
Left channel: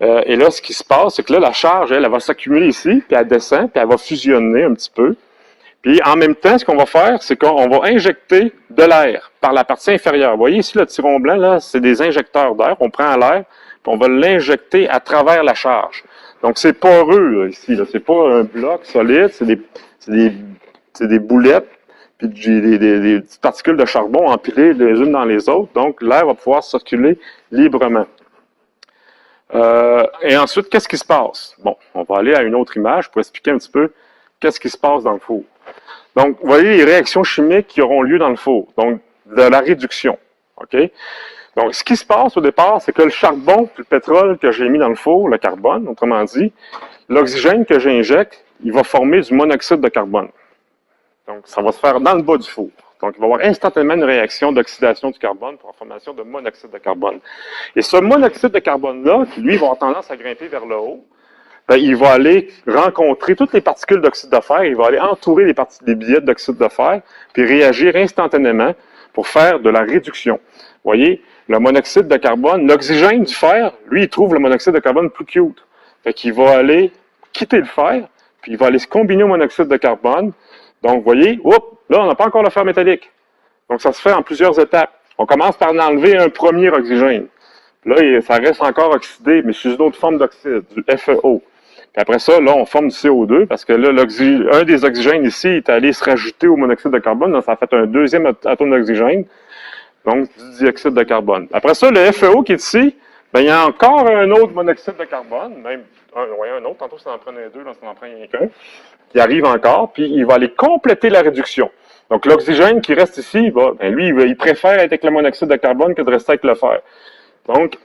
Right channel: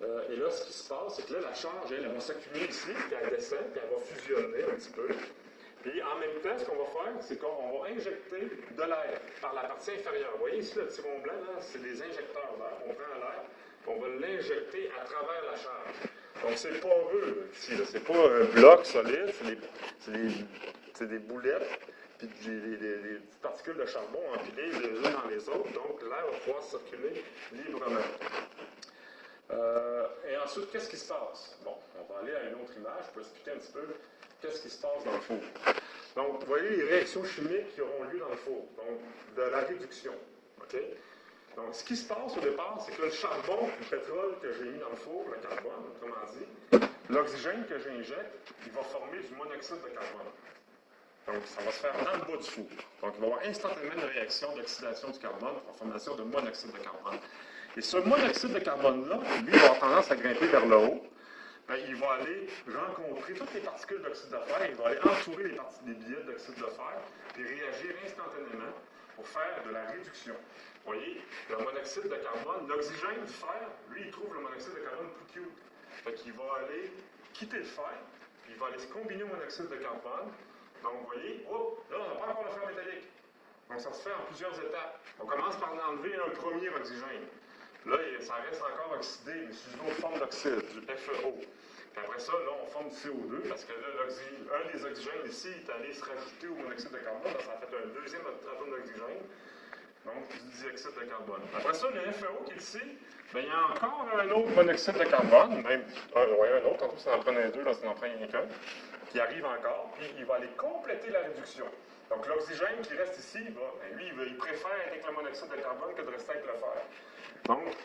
Et là, ce qui se passe, c'est que là, la charge, elle va s'accumuler ici, puis elle descend, puis elle va fusionner un petit peu. Puis en même temps, ce qu'on va faire, c'est qu'on va injecter de l'air par la partie inférieure. Vous voyez ici, le tiron blanc, là, c'est des injecteurs d'air. On prend l'air, puis on va l'injecter à travers la charge. Donc, c'est poreux, là, ici. Là. C'est pas un bloc solide, c'est des boulettes, puis des petites particules de charbon empilées les unes dans les autres. Donc, l'air va pouvoir circuler librement. Et ensuite, qu'est-ce qui se passe? Bon, on va aller à une autre image pour expliquer un petit peu qu'est-ce qui se passe dans le four. Donc, vous voyez les réactions chimiques qui auront lieu dans le four. Donc, de la réduction. OK? Donc, ce qui se passe au départ, c'est que le charbon, le pétrole que j'ai mis dans le four, le carbone, autrement dit, l'oxygène que j'injecte, il va former du monoxyde de carbone. Donc, ça va se faire dans le bas du four. Donc, il va y avoir instantanément une réaction d'oxydation du carbone pour la formation de monoxyde de carbone. Et ce monoxyde de carbone-là, qui lui va avoir tendance à grimper vers le haut, il va aller rencontrer toutes les particules d'oxyde de fer, il va aller entourer les billettes d'oxyde de fer, puis réagir instantanément pour faire de la réduction. Vous voyez, le monoxyde de carbone, l'oxygène du fer, lui, il trouve le monoxyde de carbone plus cute. Fait qu'il va aller quitter le fer, puis il va aller se combiner au monoxyde de carbone. Donc, vous voyez, là, on n'a pas encore le fer métallique. Donc, ça se fait en plusieurs étapes. On commence par enlever un premier oxygène. Là, ça reste encore oxydé, mais sous une autre forme d'oxyde, du FeO. Puis après ça, là, on forme du CO2, parce que là, un des oxygènes ici est allé se rajouter au monoxyde de carbone. Donc, ça fait un deuxième atome d'oxygène, donc du dioxyde de carbone. Après ça, le FeO qui est ici, il y a encore un autre monoxyde de carbone, même un autre, tantôt ça en prenait deux, là ça en prend rien qu'un. Il arrive encore, puis il va aller compléter la réduction. Donc, l'oxygène qui reste ici, lui, il préfère être avec le monoxyde de carbone que de rester avec le fer. Donc,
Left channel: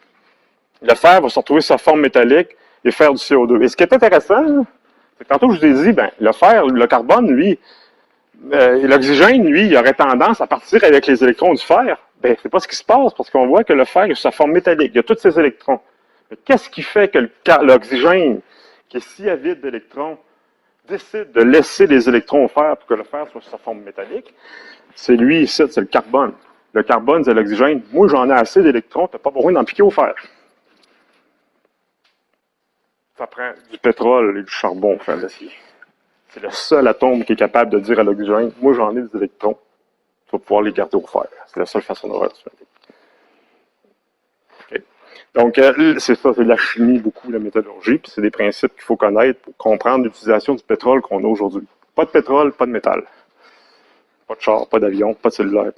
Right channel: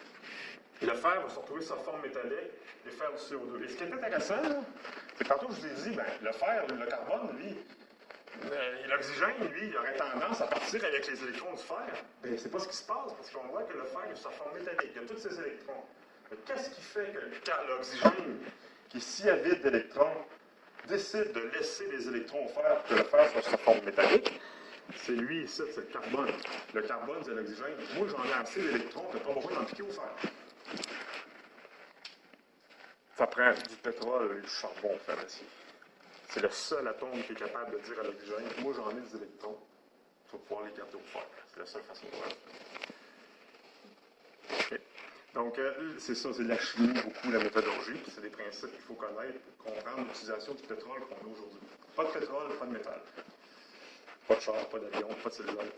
le fer va se retrouver sur sa forme métallique et faire du CO2. Et ce qui est intéressant, c'est que tantôt, je vous ai dit, le fer, le carbone, lui, l'oxygène, lui, il aurait tendance à partir avec les électrons du fer. C'est pas ce qui se passe, parce qu'on voit que le fer est sur sa forme métallique. Il y a tous ces électrons. Mais qu'est-ce qui fait que l'oxygène, qui est si avide d'électrons, décide de laisser les électrons au fer pour que le fer soit sur sa forme métallique? C'est lui ici, c'est le carbone. Le carbone, c'est l'oxygène. Moi, j'en ai assez d'électrons, tu n'as pas besoin d'en piquer au fer. Ça prend du pétrole et du charbon pour faire l'acier. C'est le seul atome qui est capable de dire à l'oxygène, moi, j'en ai des électrons, tu vas pouvoir les garder au fer. C'est la seule façon de faire ça. Okay. Donc, c'est ça, c'est de la chimie, beaucoup, la métallurgie, puis c'est des principes qu'il faut connaître pour comprendre l'utilisation du pétrole qu'on a aujourd'hui. Pas de pétrole, pas de métal. Pas de char, pas d'avion, pas de cellulaire.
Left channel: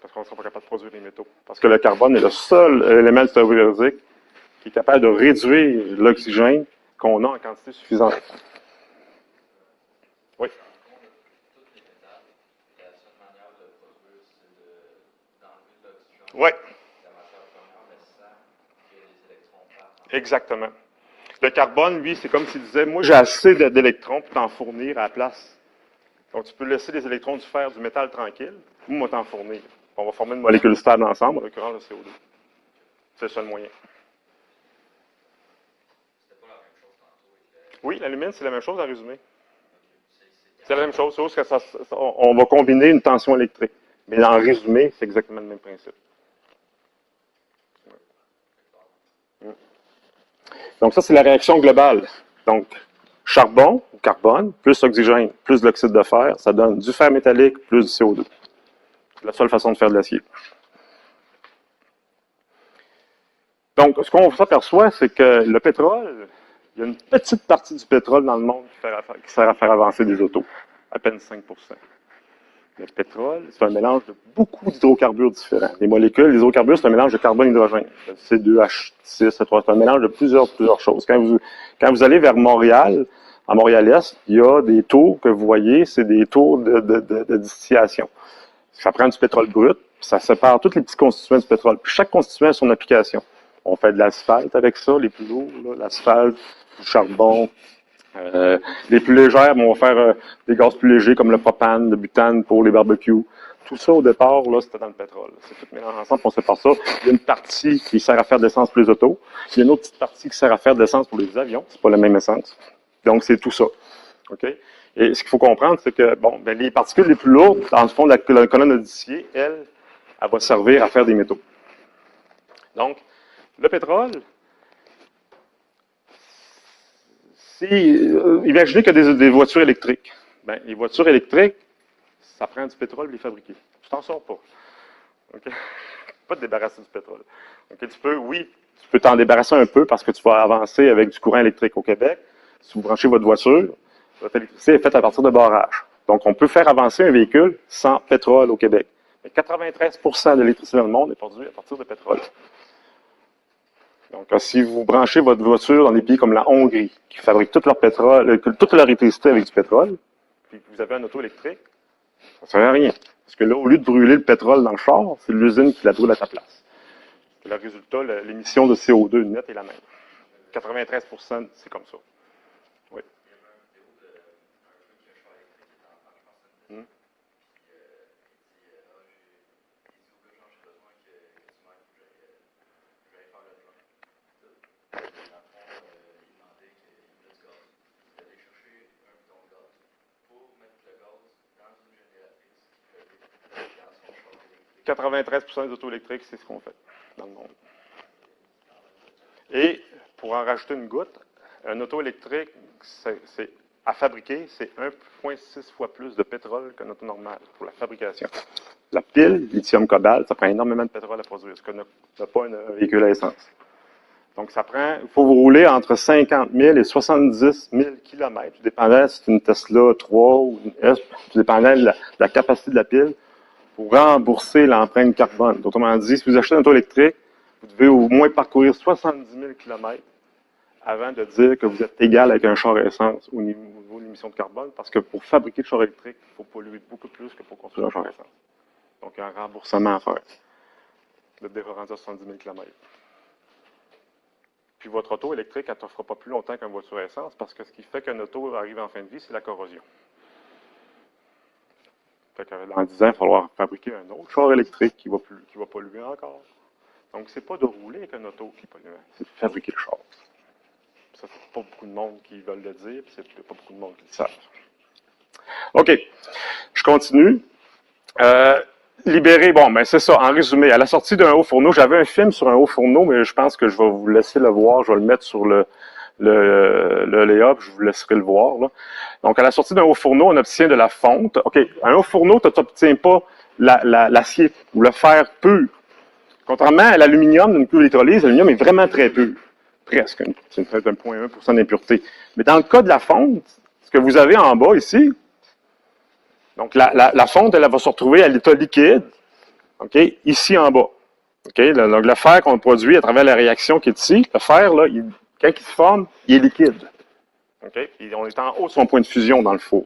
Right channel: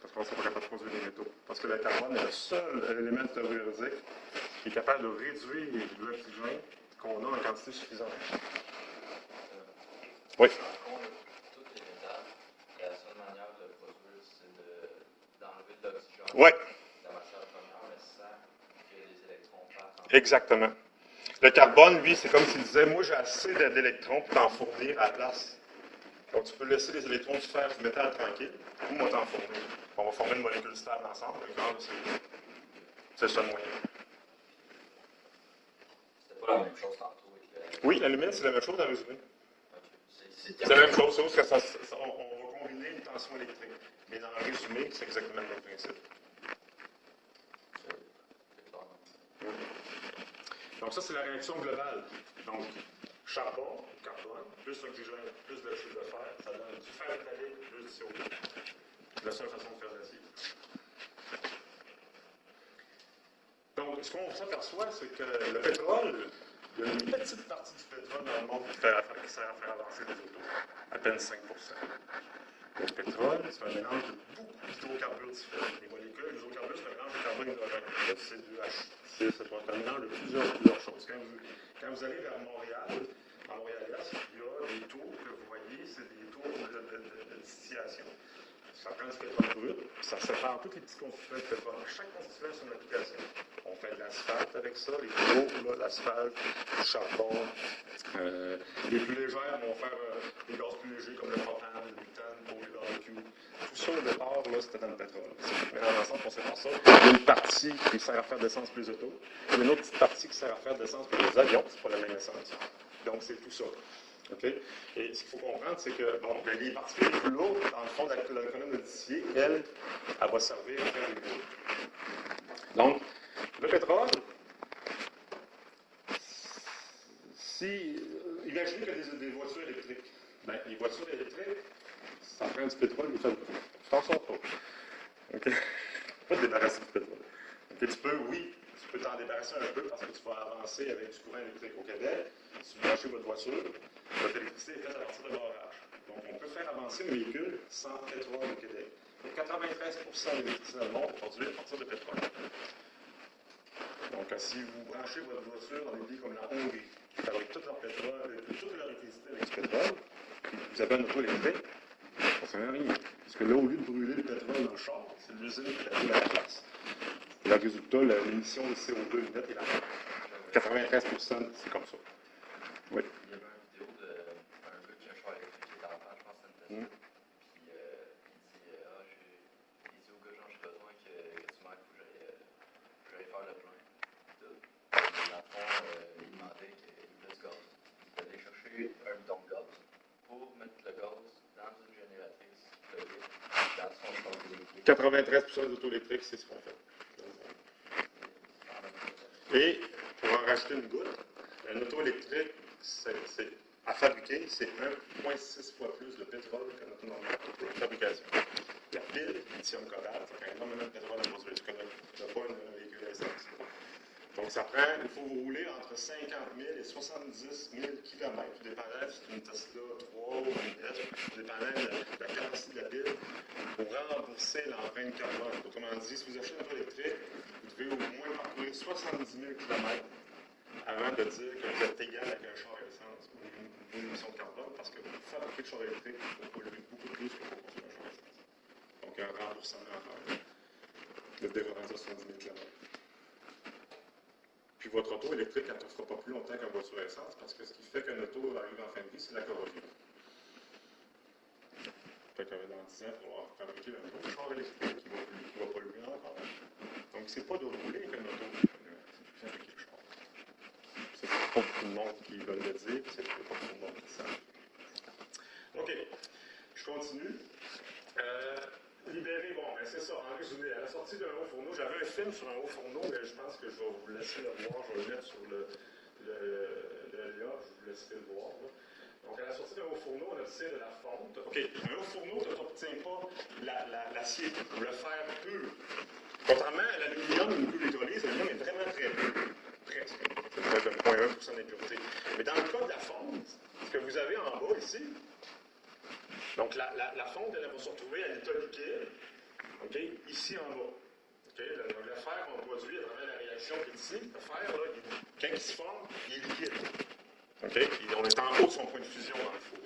Parce qu'on ne sera pas capable de produire des métaux. Parce que le carbone est le seul élément périodique qui est capable de réduire l'oxygène qu'on a en quantité suffisante. Oui. Oui. Exactement. Le carbone, lui, c'est comme s'il disait, moi j'ai assez d'électrons pour t'en fournir à la place. Donc tu peux laisser des électrons du fer, du métal tranquille, ou moi t'en fournir. On va former une molécule stable ensemble, en l'occurrence le CO2. C'est ça le moyen. C'est pas la même chose tantôt. Oui, l'alumine, c'est la même chose en résumé. C'est la même chose, sauf que on va combiner une tension électrique. Mais en résumé, c'est exactement le même principe. Donc ça, c'est la réaction globale. Donc, charbon, carbone, plus oxygène, plus l'oxyde de fer, ça donne du fer métallique plus du CO2. C'est la seule façon de faire de l'acier. Donc, ce qu'on s'aperçoit, c'est que le pétrole, il y a une petite partie du pétrole dans le monde qui sert à faire avancer des autos, à peine 5%. Le pétrole, c'est un mélange de beaucoup d'hydrocarbures différents. Les molécules, les hydrocarbures, c'est un mélange de carbone-hydrogène. C2H6, C3, c'est un mélange de plusieurs choses. Quand vous allez vers Montréal, à Montréal-Est, il y a des tours que vous voyez, c'est des tours de distillation. Ça prend du pétrole brut, ça sépare tous les petits constituants du pétrole. Puis chaque constituant a son application. On fait de l'asphalte avec ça, les plus lourds, l'asphalte, du charbon. Les plus légères, on va faire des gaz plus légers comme le propane, le butane pour les barbecues. Tout ça, au départ, là, c'était dans le pétrole. C'est tout mélangé ensemble, on sépare ça. Il y a une partie qui sert à faire de l'essence pour les autos. Il y a une autre petite partie qui sert à faire de l'essence pour les avions. C'est pas la même essence. Donc, c'est tout ça. OK? Et ce qu'il faut comprendre, c'est que, bon, ben, les particules les plus lourdes, dans le fond de la colonne d'Odicier, elle va servir à faire des métaux. Donc, le pétrole, imaginez qu'il y a des voitures électriques. Ben, les voitures électriques, ça prend du pétrole pour les fabriquer. Tu t'en sors pas. Okay? Pas te débarrasser du pétrole. Okay? Tu peux t'en débarrasser un peu parce que tu vas avancer avec du courant électrique au Québec. Si vous branchez votre voiture, votre électricité est faite à partir de barrages. Donc, on peut faire avancer un véhicule sans pétrole au Québec. Mais 93% de l'électricité dans le monde est produite à partir de pétrole. Donc, si vous branchez votre voiture dans des pays comme la Hongrie, qui fabriquent tout leur pétrole, toute leur électricité avec du pétrole, puis vous avez un auto électrique, ça ne sert à rien. Parce que là, au lieu de brûler le pétrole dans le char, c'est l'usine qui la brûle à ta place. Et le résultat, l'émission de CO2 net est la même. 93%, c'est comme ça. Oui. Il y avait une vidéo d'un gars qui a un char électrique qui est en panne, je pense que c'est une Tesla. Puis il dit au gars, genre, j'ai besoin que tu m'aides, faut que j'aille faire le plein. Puis dans le fond, il demandait qu'il voulait du gaz. Il allait chercher un bidon de gaz pour mettre le gaz dans une génératrice dans son char électrique. 93% des autos électriques, c'est ce qu'on fait dans le monde. Et pour en rajouter une goutte, un auto électrique, à fabriquer, c'est 1,6 fois plus de pétrole qu'un auto normal pour la fabrication. La pile, lithium-cobalt, ça prend énormément de pétrole à produire, ce que n'a pas un véhicule à essence. Donc, il faut vous rouler entre 50 000 et 70 000 km, dépendant si c'est une Tesla 3 ou une S, dépendant de la capacité de la pile, pour rembourser l'empreinte carbone. Autrement dit, si vous achetez un auto électrique, vous devez au moins parcourir 70 000 km avant de dire que vous êtes égal avec un char à essence au niveau de l'émission de carbone, parce que pour fabriquer le char électrique, il faut polluer beaucoup plus que pour construire un char à essence. Donc, il y a un remboursement à faire. Vous êtes déjà rendu à 70 000 km. Puis votre auto électrique, elle ne t'offre pas plus longtemps qu'une voiture à essence, parce que ce qui fait qu'un auto arrive en fin de vie, c'est la corrosion. Fait que dans 10 ans, il va falloir fabriquer un autre char électrique qui va polluer encore. Donc, c'est pas de rouler avec un auto, c'est de fabriquer le char. Ça, c'est pas beaucoup de monde qui veulent le dire, c'est pas beaucoup de monde qui le savent. OK. Je continue. Libérer, bon, ben c'est ça, en résumé. À la sortie d'un haut fourneau, j'avais un film sur un haut fourneau, mais je pense que je vais vous laisser le voir. Je vais le mettre sur le layup, je vous laisserai le voir. Là. Donc, à la sortie d'un haut fourneau, on obtient de la fonte. OK, un haut fourneau, tu n'obtiens pas l'acier ou le fer pur. Contrairement à l'aluminium d'une cuve d'électrolyse, l'aluminium est vraiment très pur. Presque. C'est 0,1% d'impureté. Mais dans le cas de la fonte, ce que vous avez en bas ici, Donc, la fonte, elle va se retrouver à l'état liquide, OK, ici en bas. OK, donc, le fer qu'on produit à travers la réaction qui est ici, le fer, là, quand il se forme, il est liquide. OK, puis on est en haut de son point de fusion dans le four.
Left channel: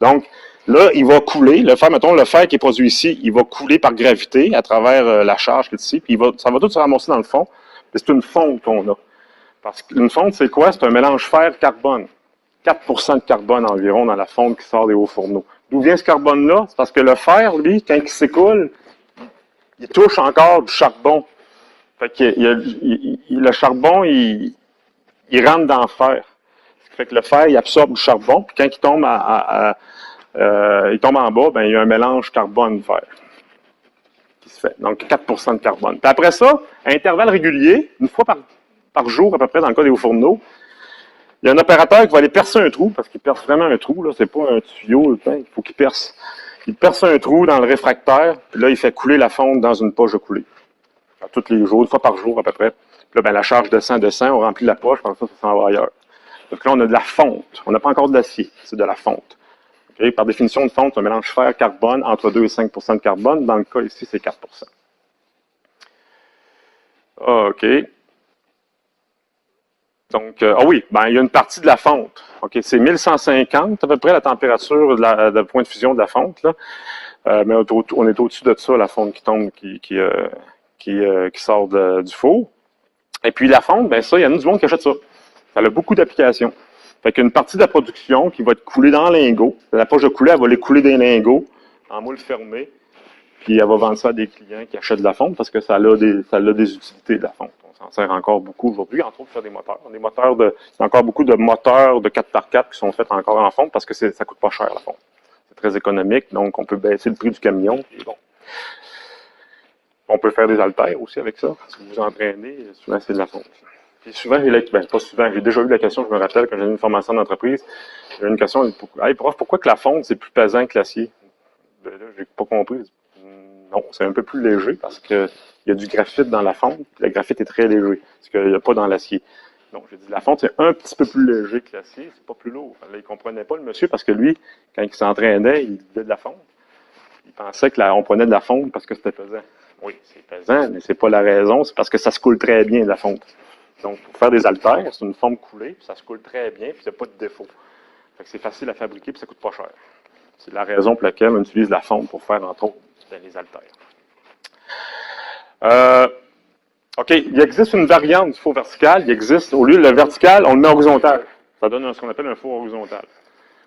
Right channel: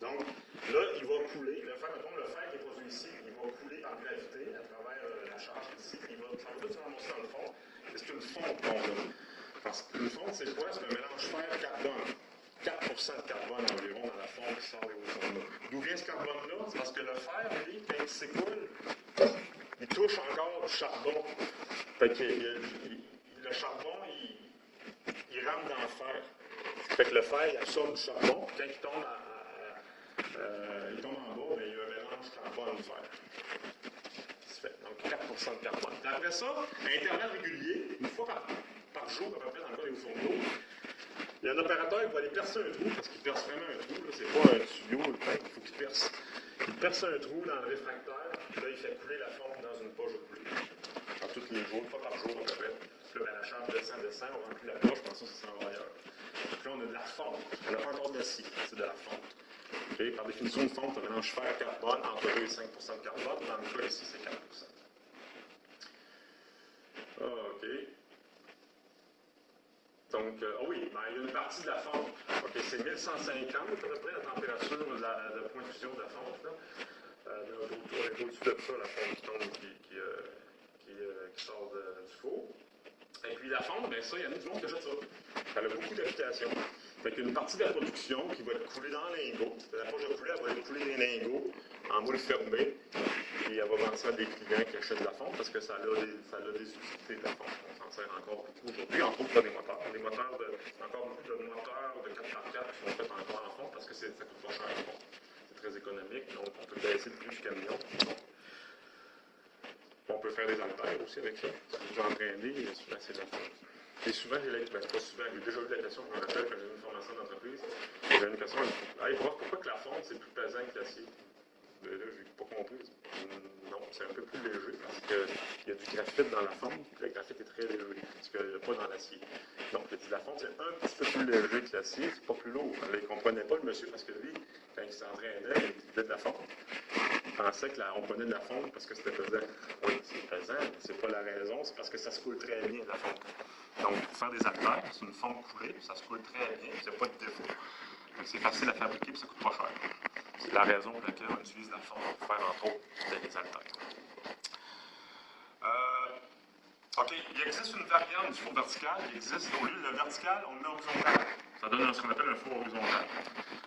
Donc, là, il va couler. Le fer, mettons, le fer qui est produit ici, il va couler par gravité à travers la charge qui est ici, puis ça va tout se ramasser dans le fond. C'est une fonte qu'on a. Parce qu'une fonte, c'est quoi? C'est un mélange fer-carbone. 4 de carbone environ dans la fonte qui sort des hauts fourneaux. D'où vient ce carbone-là? C'est parce que le fer, lui, quand il s'écoule, il touche encore du charbon. Fait que le charbon, il rentre dans le fer. Fait que le fer, il absorbe du charbon, puis quand il tombe, il tombe en bas, ben, il y a un mélange carbone-fer qui se fait. Donc, 4 de carbone. Puis après ça, à intervalles réguliers, une fois par jour à peu près dans le cas des hauts fourneaux, il y a un opérateur qui va aller percer un trou, parce qu'il perce vraiment un trou, là, c'est pas un tuyau, il faut qu'il perce. Il perce un trou dans le réfractaire, puis là, il fait couler la fonte dans une poche de coulée. Tous les jours, une fois par jour à peu près. Puis là, ben, la charge descend, on remplit la poche, comme ça s'en va ailleurs. Donc là, on a de la fonte. On n'a pas encore de l'acier, c'est de la fonte. Okay? Par définition, une fonte, c'est un mélange fer-carbone entre 2 et 5 de carbone. Dans le cas ici, c'est 4 OK. Donc, oui, ben, il y a une partie de la fonte. OK, c'est 1150 à peu près la température de point de fusion de la fonte. Là. Mais on est au-dessus de ça, la fonte qui tombe, qui sort du four. Et puis la fonte, ben ça, il y en a du monde qui achète ça. Ça a beaucoup d'applications. Fait qu'une partie de la production qui va être coulée dans lingot. La poche de coulée, elle va les couler des lingots en moule fermé. Puis elle va vendre ça à des clients qui achètent de la fonte parce que ça a des utilités de la fonte. On s'en sert encore beaucoup aujourd'hui, entre autres pour des moteurs. Il y a encore beaucoup de moteurs de 4x4 qui sont faits encore en fonte parce que ça coûte pas cher la fonte. C'est très économique, donc on peut baisser le prix du camion. Bon. On peut faire des haltères aussi avec ça. Si vous vous entraînez, souvent c'est de la fonte. Et souvent, pas souvent, j'ai déjà eu la question, je me rappelle, quand j'ai eu une formation d'entreprise, j'ai eu une question, hey, prof, pourquoi que la fonte, c'est plus pesant que l'acier? Là, j'ai pas compris. Non, c'est un peu plus léger parce qu'il y a du graphite dans la fonte. Le graphite est très léger, ce qu'il n'y a pas dans l'acier. Donc, je dis, la fonte, c'est un petit peu plus léger que l'acier, c'est pas plus lourd. Il ne comprenait pas, le monsieur, parce que lui, quand il s'entraînait, il disait de la fonte. Il pensait qu'on prenait de la fonte parce que c'était pesant. Oui, c'est pesant, mais c'est pas la raison, c'est parce que ça se coule très bien, de la fonte. Donc, pour faire des haltères, c'est une forme coulée, puis ça se coule très bien, puis il n'y a pas de défaut. C'est facile à fabriquer, puis ça coûte pas cher. C'est la raison pour laquelle on utilise la fonte pour faire, entre autres, des haltères. OK, il existe une variante du four vertical. Il existe, au lieu de le vertical, on le met horizontal. Ça donne ce qu'on appelle un four horizontal.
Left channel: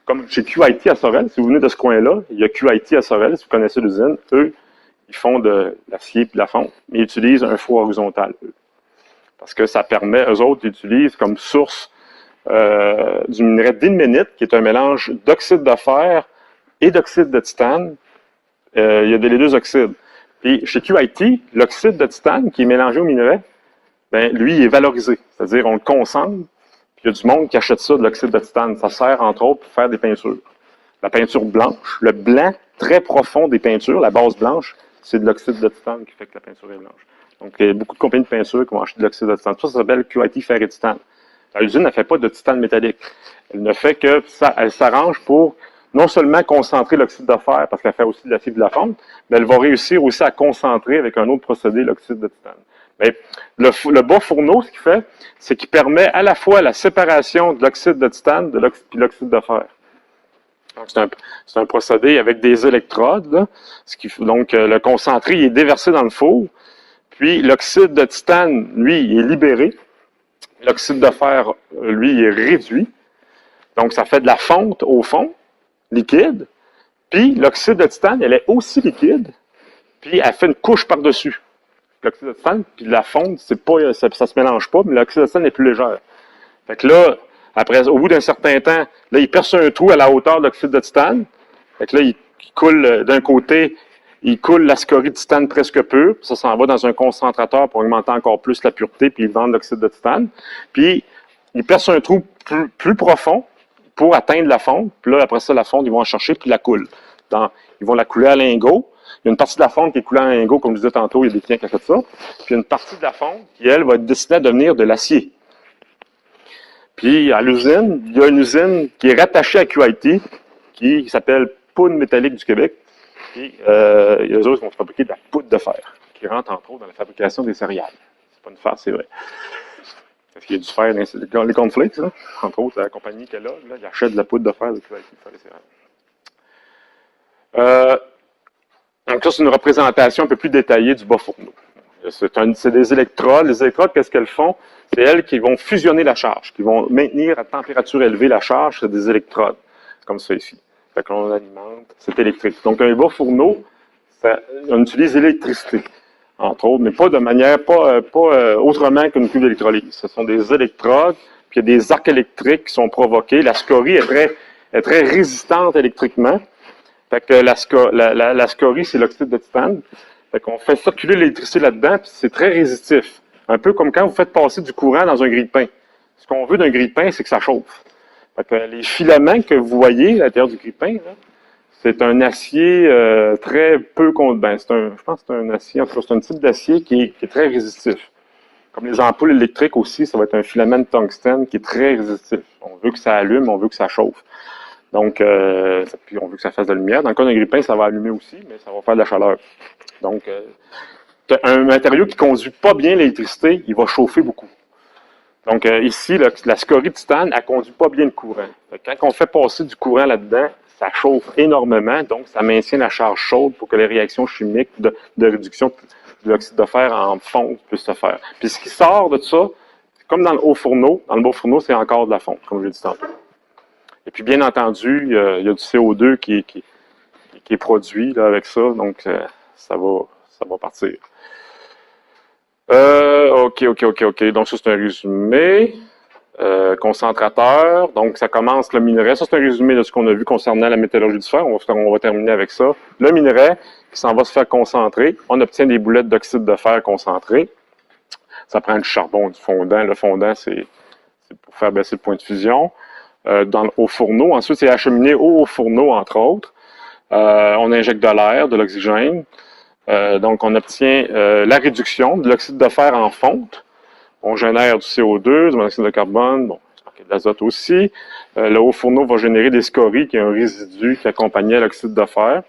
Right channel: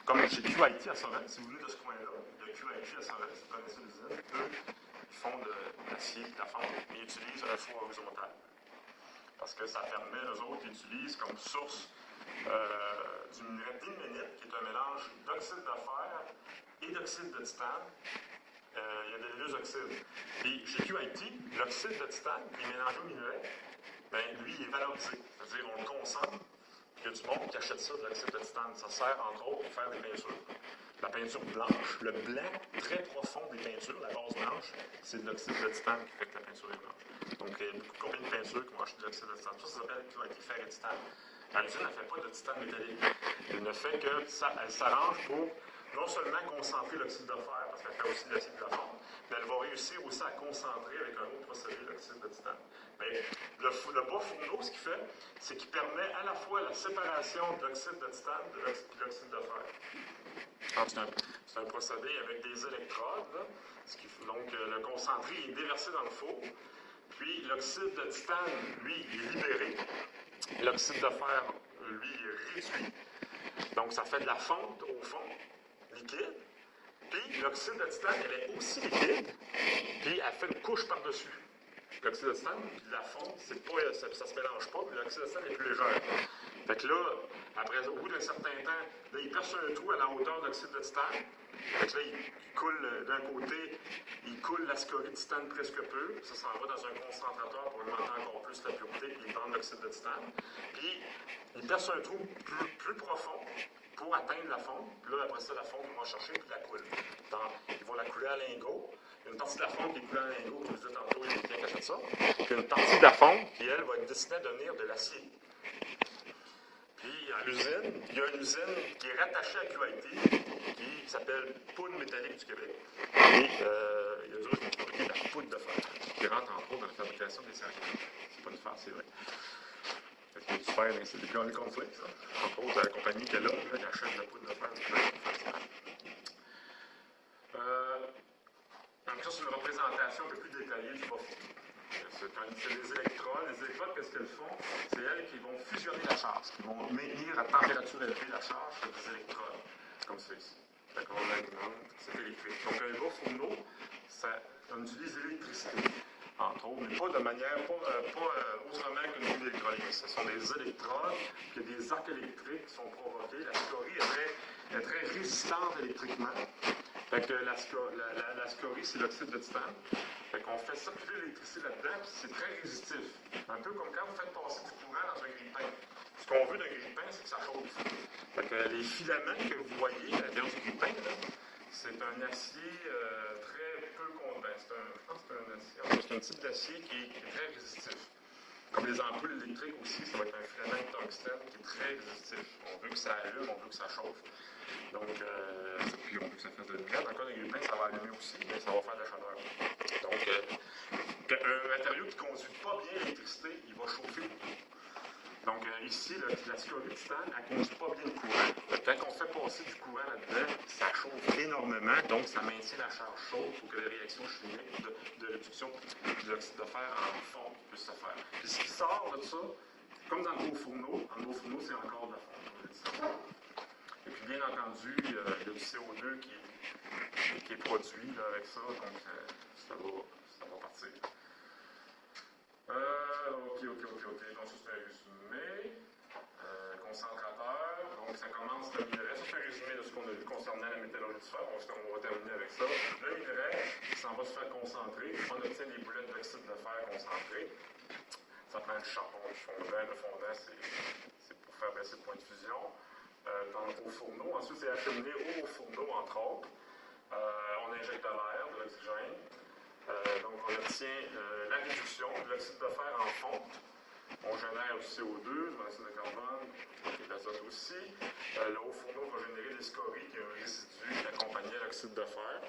Comme chez QIT à Sorel, si vous venez de ce coin-là, il y a QIT à Sorel, si vous connaissez l'usine, eux, ils font de l'acier et de la fonte, mais ils utilisent un four horizontal, eux. Parce que ça permet, eux autres, ils utilisent comme source du minerai d'ilménite, qui est un mélange d'oxyde de fer et d'oxyde de titane. Il y a les deux oxydes. Et chez QIT, l'oxyde de titane qui est mélangé au minerai, ben, lui, il est valorisé. C'est-à-dire, on le concentre, puis il y a du monde qui achète ça, de l'oxyde de titane. Ça sert, entre autres, pour faire des peintures. La peinture blanche, le blanc très profond des peintures, la base blanche, c'est de l'oxyde de titane qui fait que la peinture est blanche. Donc, il y a beaucoup de compagnies de peinture qui vont acheter de l'oxyde de titane. Ça s'appelle QIT fer et titane. L'usine ne fait pas de titane métallique. Elle ne fait que ça, elle s'arrange pour non seulement concentrer l'oxyde de fer, parce qu'elle fait aussi de l'acier et de la fonte, mais elle va réussir aussi à concentrer avec un autre procédé l'oxyde de titane. Mais le bas fourneau, ce qu'il fait, c'est qu'il permet à la fois la séparation de l'oxyde de titane et l'oxyde de fer. C'est un procédé avec des électrodes. Là, donc, le concentré est déversé dans le four, puis l'oxyde de titane, lui, il est libéré. L'oxyde de fer, lui, il est réduit. Donc, ça fait de la fonte au fond, liquide. Puis, l'oxyde de titane, elle est aussi liquide. Puis, elle fait une couche par-dessus. L'oxyde de titane, puis la fonte, ça se mélange pas, mais l'oxyde de titane est plus légère. Fait que là, après, au bout d'un certain temps, là, il perce un trou à la hauteur de l'oxyde de titane. Fait que là, il coule d'un côté, il coule la scorie de titane presque pure, puis ça s'en va dans un concentrateur pour augmenter encore plus la pureté, puis il vend l'oxyde de titane. Puis, il perce un trou plus profond pour atteindre la fonte. Puis là, après ça, la fonte, ils vont en chercher, puis la coulent. Ils vont la couler à lingot. Il y a une partie de la fonte qui est coulée à lingot, comme je disais tantôt, il y a des clients qui achètent ça. Puis il y a une partie de la fonte qui, elle, va être destinée à devenir de l'acier. Puis, à l'usine, il y a une usine qui est rattachée à QIT, qui s'appelle poudre métallique du Québec. Et eux autres vont fabriquer de la poudre de fer, qui rentre entre autres dans la fabrication des céréales. C'est pas une farce, c'est vrai. Parce qu'il y a du fer dans les cornflakes, hein? Entre autres, la compagnie qui est là, ils achètent de la poudre de fer. Donc ça, c'est une représentation un peu plus détaillée du bas fourneau. C'est des électrodes. Les électrodes, qu'est-ce qu'elles font? C'est elles qui vont fusionner la charge, qui vont maintenir à température élevée la charge. C'est des électrodes. C'est comme ça ici. Fait qu'on alimente, c'est électrique. Donc un bas fourneau, on utilise l'électricité, entre autres, mais pas de manière, pas autrement qu'une cuve d'électrolyse. Ce sont des électrodes, puis il y a des arcs électriques qui sont provoqués. La scorie est très résistante électriquement. Fait que la scorie, c'est l'oxyde de titane. Fait qu'on fait circuler l'électricité là-dedans, puis c'est très résistif. Un peu comme quand vous faites passer du courant dans un grille-pain. Ce qu'on veut d'un grille-pain, c'est que ça chauffe. Fait que les filaments que vous voyez à l'intérieur du grille-pain, c'est un acier très peu... je pense que c'est un acier, en tout cas, c'est un type d'acier qui est très résistif. Comme les ampoules électriques aussi, ça va être un filament de tungstène qui est très résistif. On veut que ça allume, on veut que ça chauffe. Donc, puis on veut que ça fasse de la lumière. Dans le cas d'un grille-pain, ça va allumer aussi, mais ça va faire de la chaleur. Donc, un matériau qui ne conduit pas bien l'électricité, il va chauffer beaucoup. Donc, ici, la scorie de titane, elle ne conduit pas bien le courant. Quand on fait passer du courant là-dedans, ça chauffe énormément, donc ça maintient la charge chaude pour que les réactions chimiques de réduction de l'oxyde de fer en fonte puissent se faire. Puis ce qui sort de ça, comme dans le haut fourneau, dans le bas fourneau, c'est encore de la fonte, comme je l'ai dit tantôt. Et puis, bien entendu, il y a du CO2 qui est produit là, avec ça, donc ça va partir. OK. Donc, ça, c'est un résumé. Concentrateur. Donc, ça commence le minerai. Ça, c'est un résumé de ce qu'on a vu concernant la métallurgie du fer. On va terminer avec ça. Le minerai, qui s'en va se faire concentrer. On obtient des boulettes d'oxyde de fer concentrées. Ça prend du charbon, du fondant. Le fondant, c'est pour faire baisser le point de fusion. Au fourneau. Ensuite, c'est acheminé au fourneau, entre autres. On injecte de l'air, de l'oxygène. Donc, on obtient la réduction de l'oxyde de fer en fonte. On génère du CO2, du monoxyde de carbone, bon, de l'azote aussi. Le haut fourneau va générer des scories, qui est un résidu qui accompagnait l'oxyde de fer.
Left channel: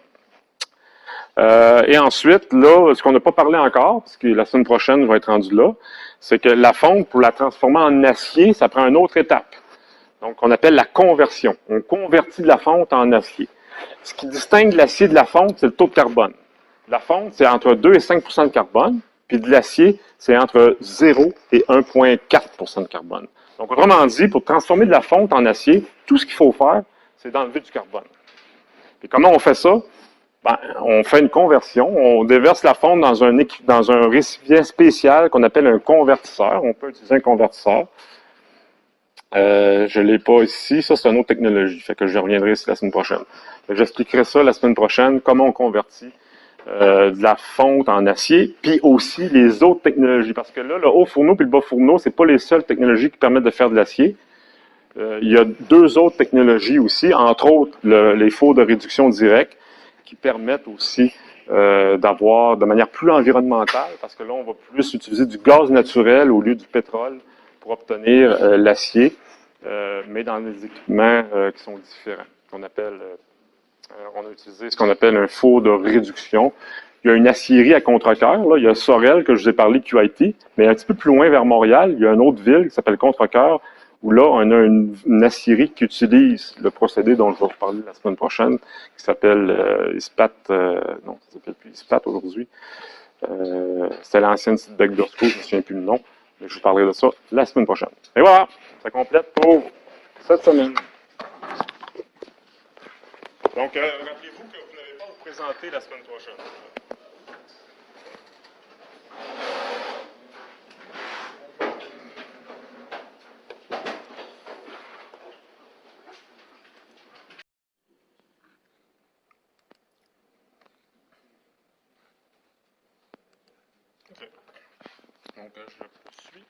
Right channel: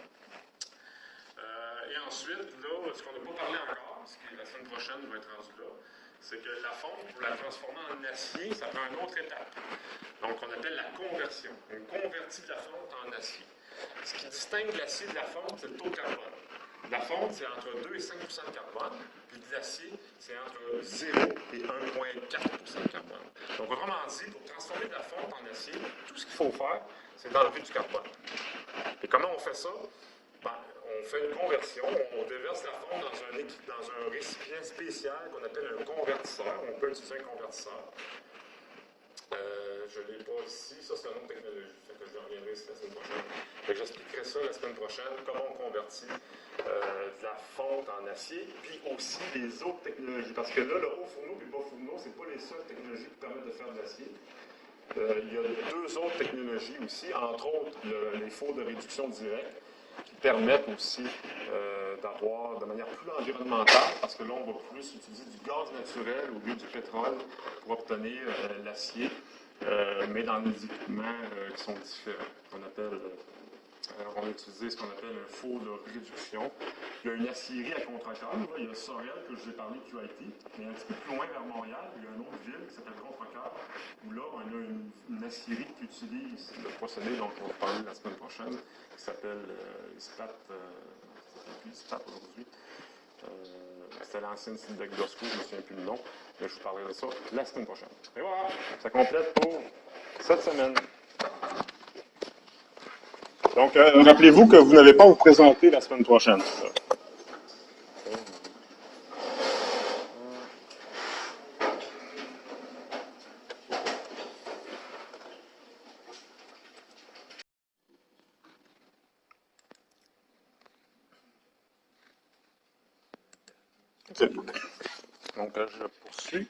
Et ensuite, là, ce qu'on n'a pas parlé encore, parce que la semaine prochaine va être rendu là, c'est que la fonte, pour la transformer en acier, ça prend une autre étape. Donc, on appelle la conversion. On convertit de la fonte en acier. Ce qui distingue l'acier de la fonte, c'est le taux de carbone. La fonte, c'est entre 2 et 5 de carbone, puis de l'acier, c'est entre 0 et 1,4 de carbone. Donc, autrement dit, pour transformer de la fonte en acier, tout ce qu'il faut faire, c'est d'enlever du carbone. Et comment on fait ça? Ben, on fait une conversion, on déverse la fonte dans un récipient spécial qu'on appelle un convertisseur. On peut utiliser un convertisseur. Je ne l'ai pas ici. Ça, c'est une autre technologie. Fait que je reviendrai ici la semaine prochaine. J'expliquerai ça la semaine prochaine, comment on convertit de la fonte en acier, puis aussi les autres technologies. Parce que là, le haut fourneau et le bas fourneau, ce n'est pas les seules technologies qui permettent de faire de l'acier. Il y a deux autres technologies aussi, entre autres les fours de réduction directe, qui permettent aussi d'avoir de manière plus environnementale, parce que là, on va plus utiliser du gaz naturel au lieu du pétrole pour obtenir l'acier, mais dans des équipements qui sont différents. On a utilisé ce qu'on appelle un four de réduction. Il y a une acierie à Contrecoeur. Là, il y a Sorel, que je vous ai parlé, QIT, mais un petit peu plus loin vers Montréal, il y a une autre ville qui s'appelle Contrecoeur, où là, on a une acierie qui utilise le procédé dont je vais vous parler la semaine prochaine, qui s'appelle ISPAT, non, ça s'appelle plus ISPAT aujourd'hui. C'était l'ancienne site d'Agdosco, je ne me souviens plus le nom, mais je vous parlerai de ça la semaine prochaine. Et voilà, ça complète pour cette semaine. Donc, rappelez-vous que vous n'avez pas à vous présenter la semaine prochaine. Donc, je poursuis.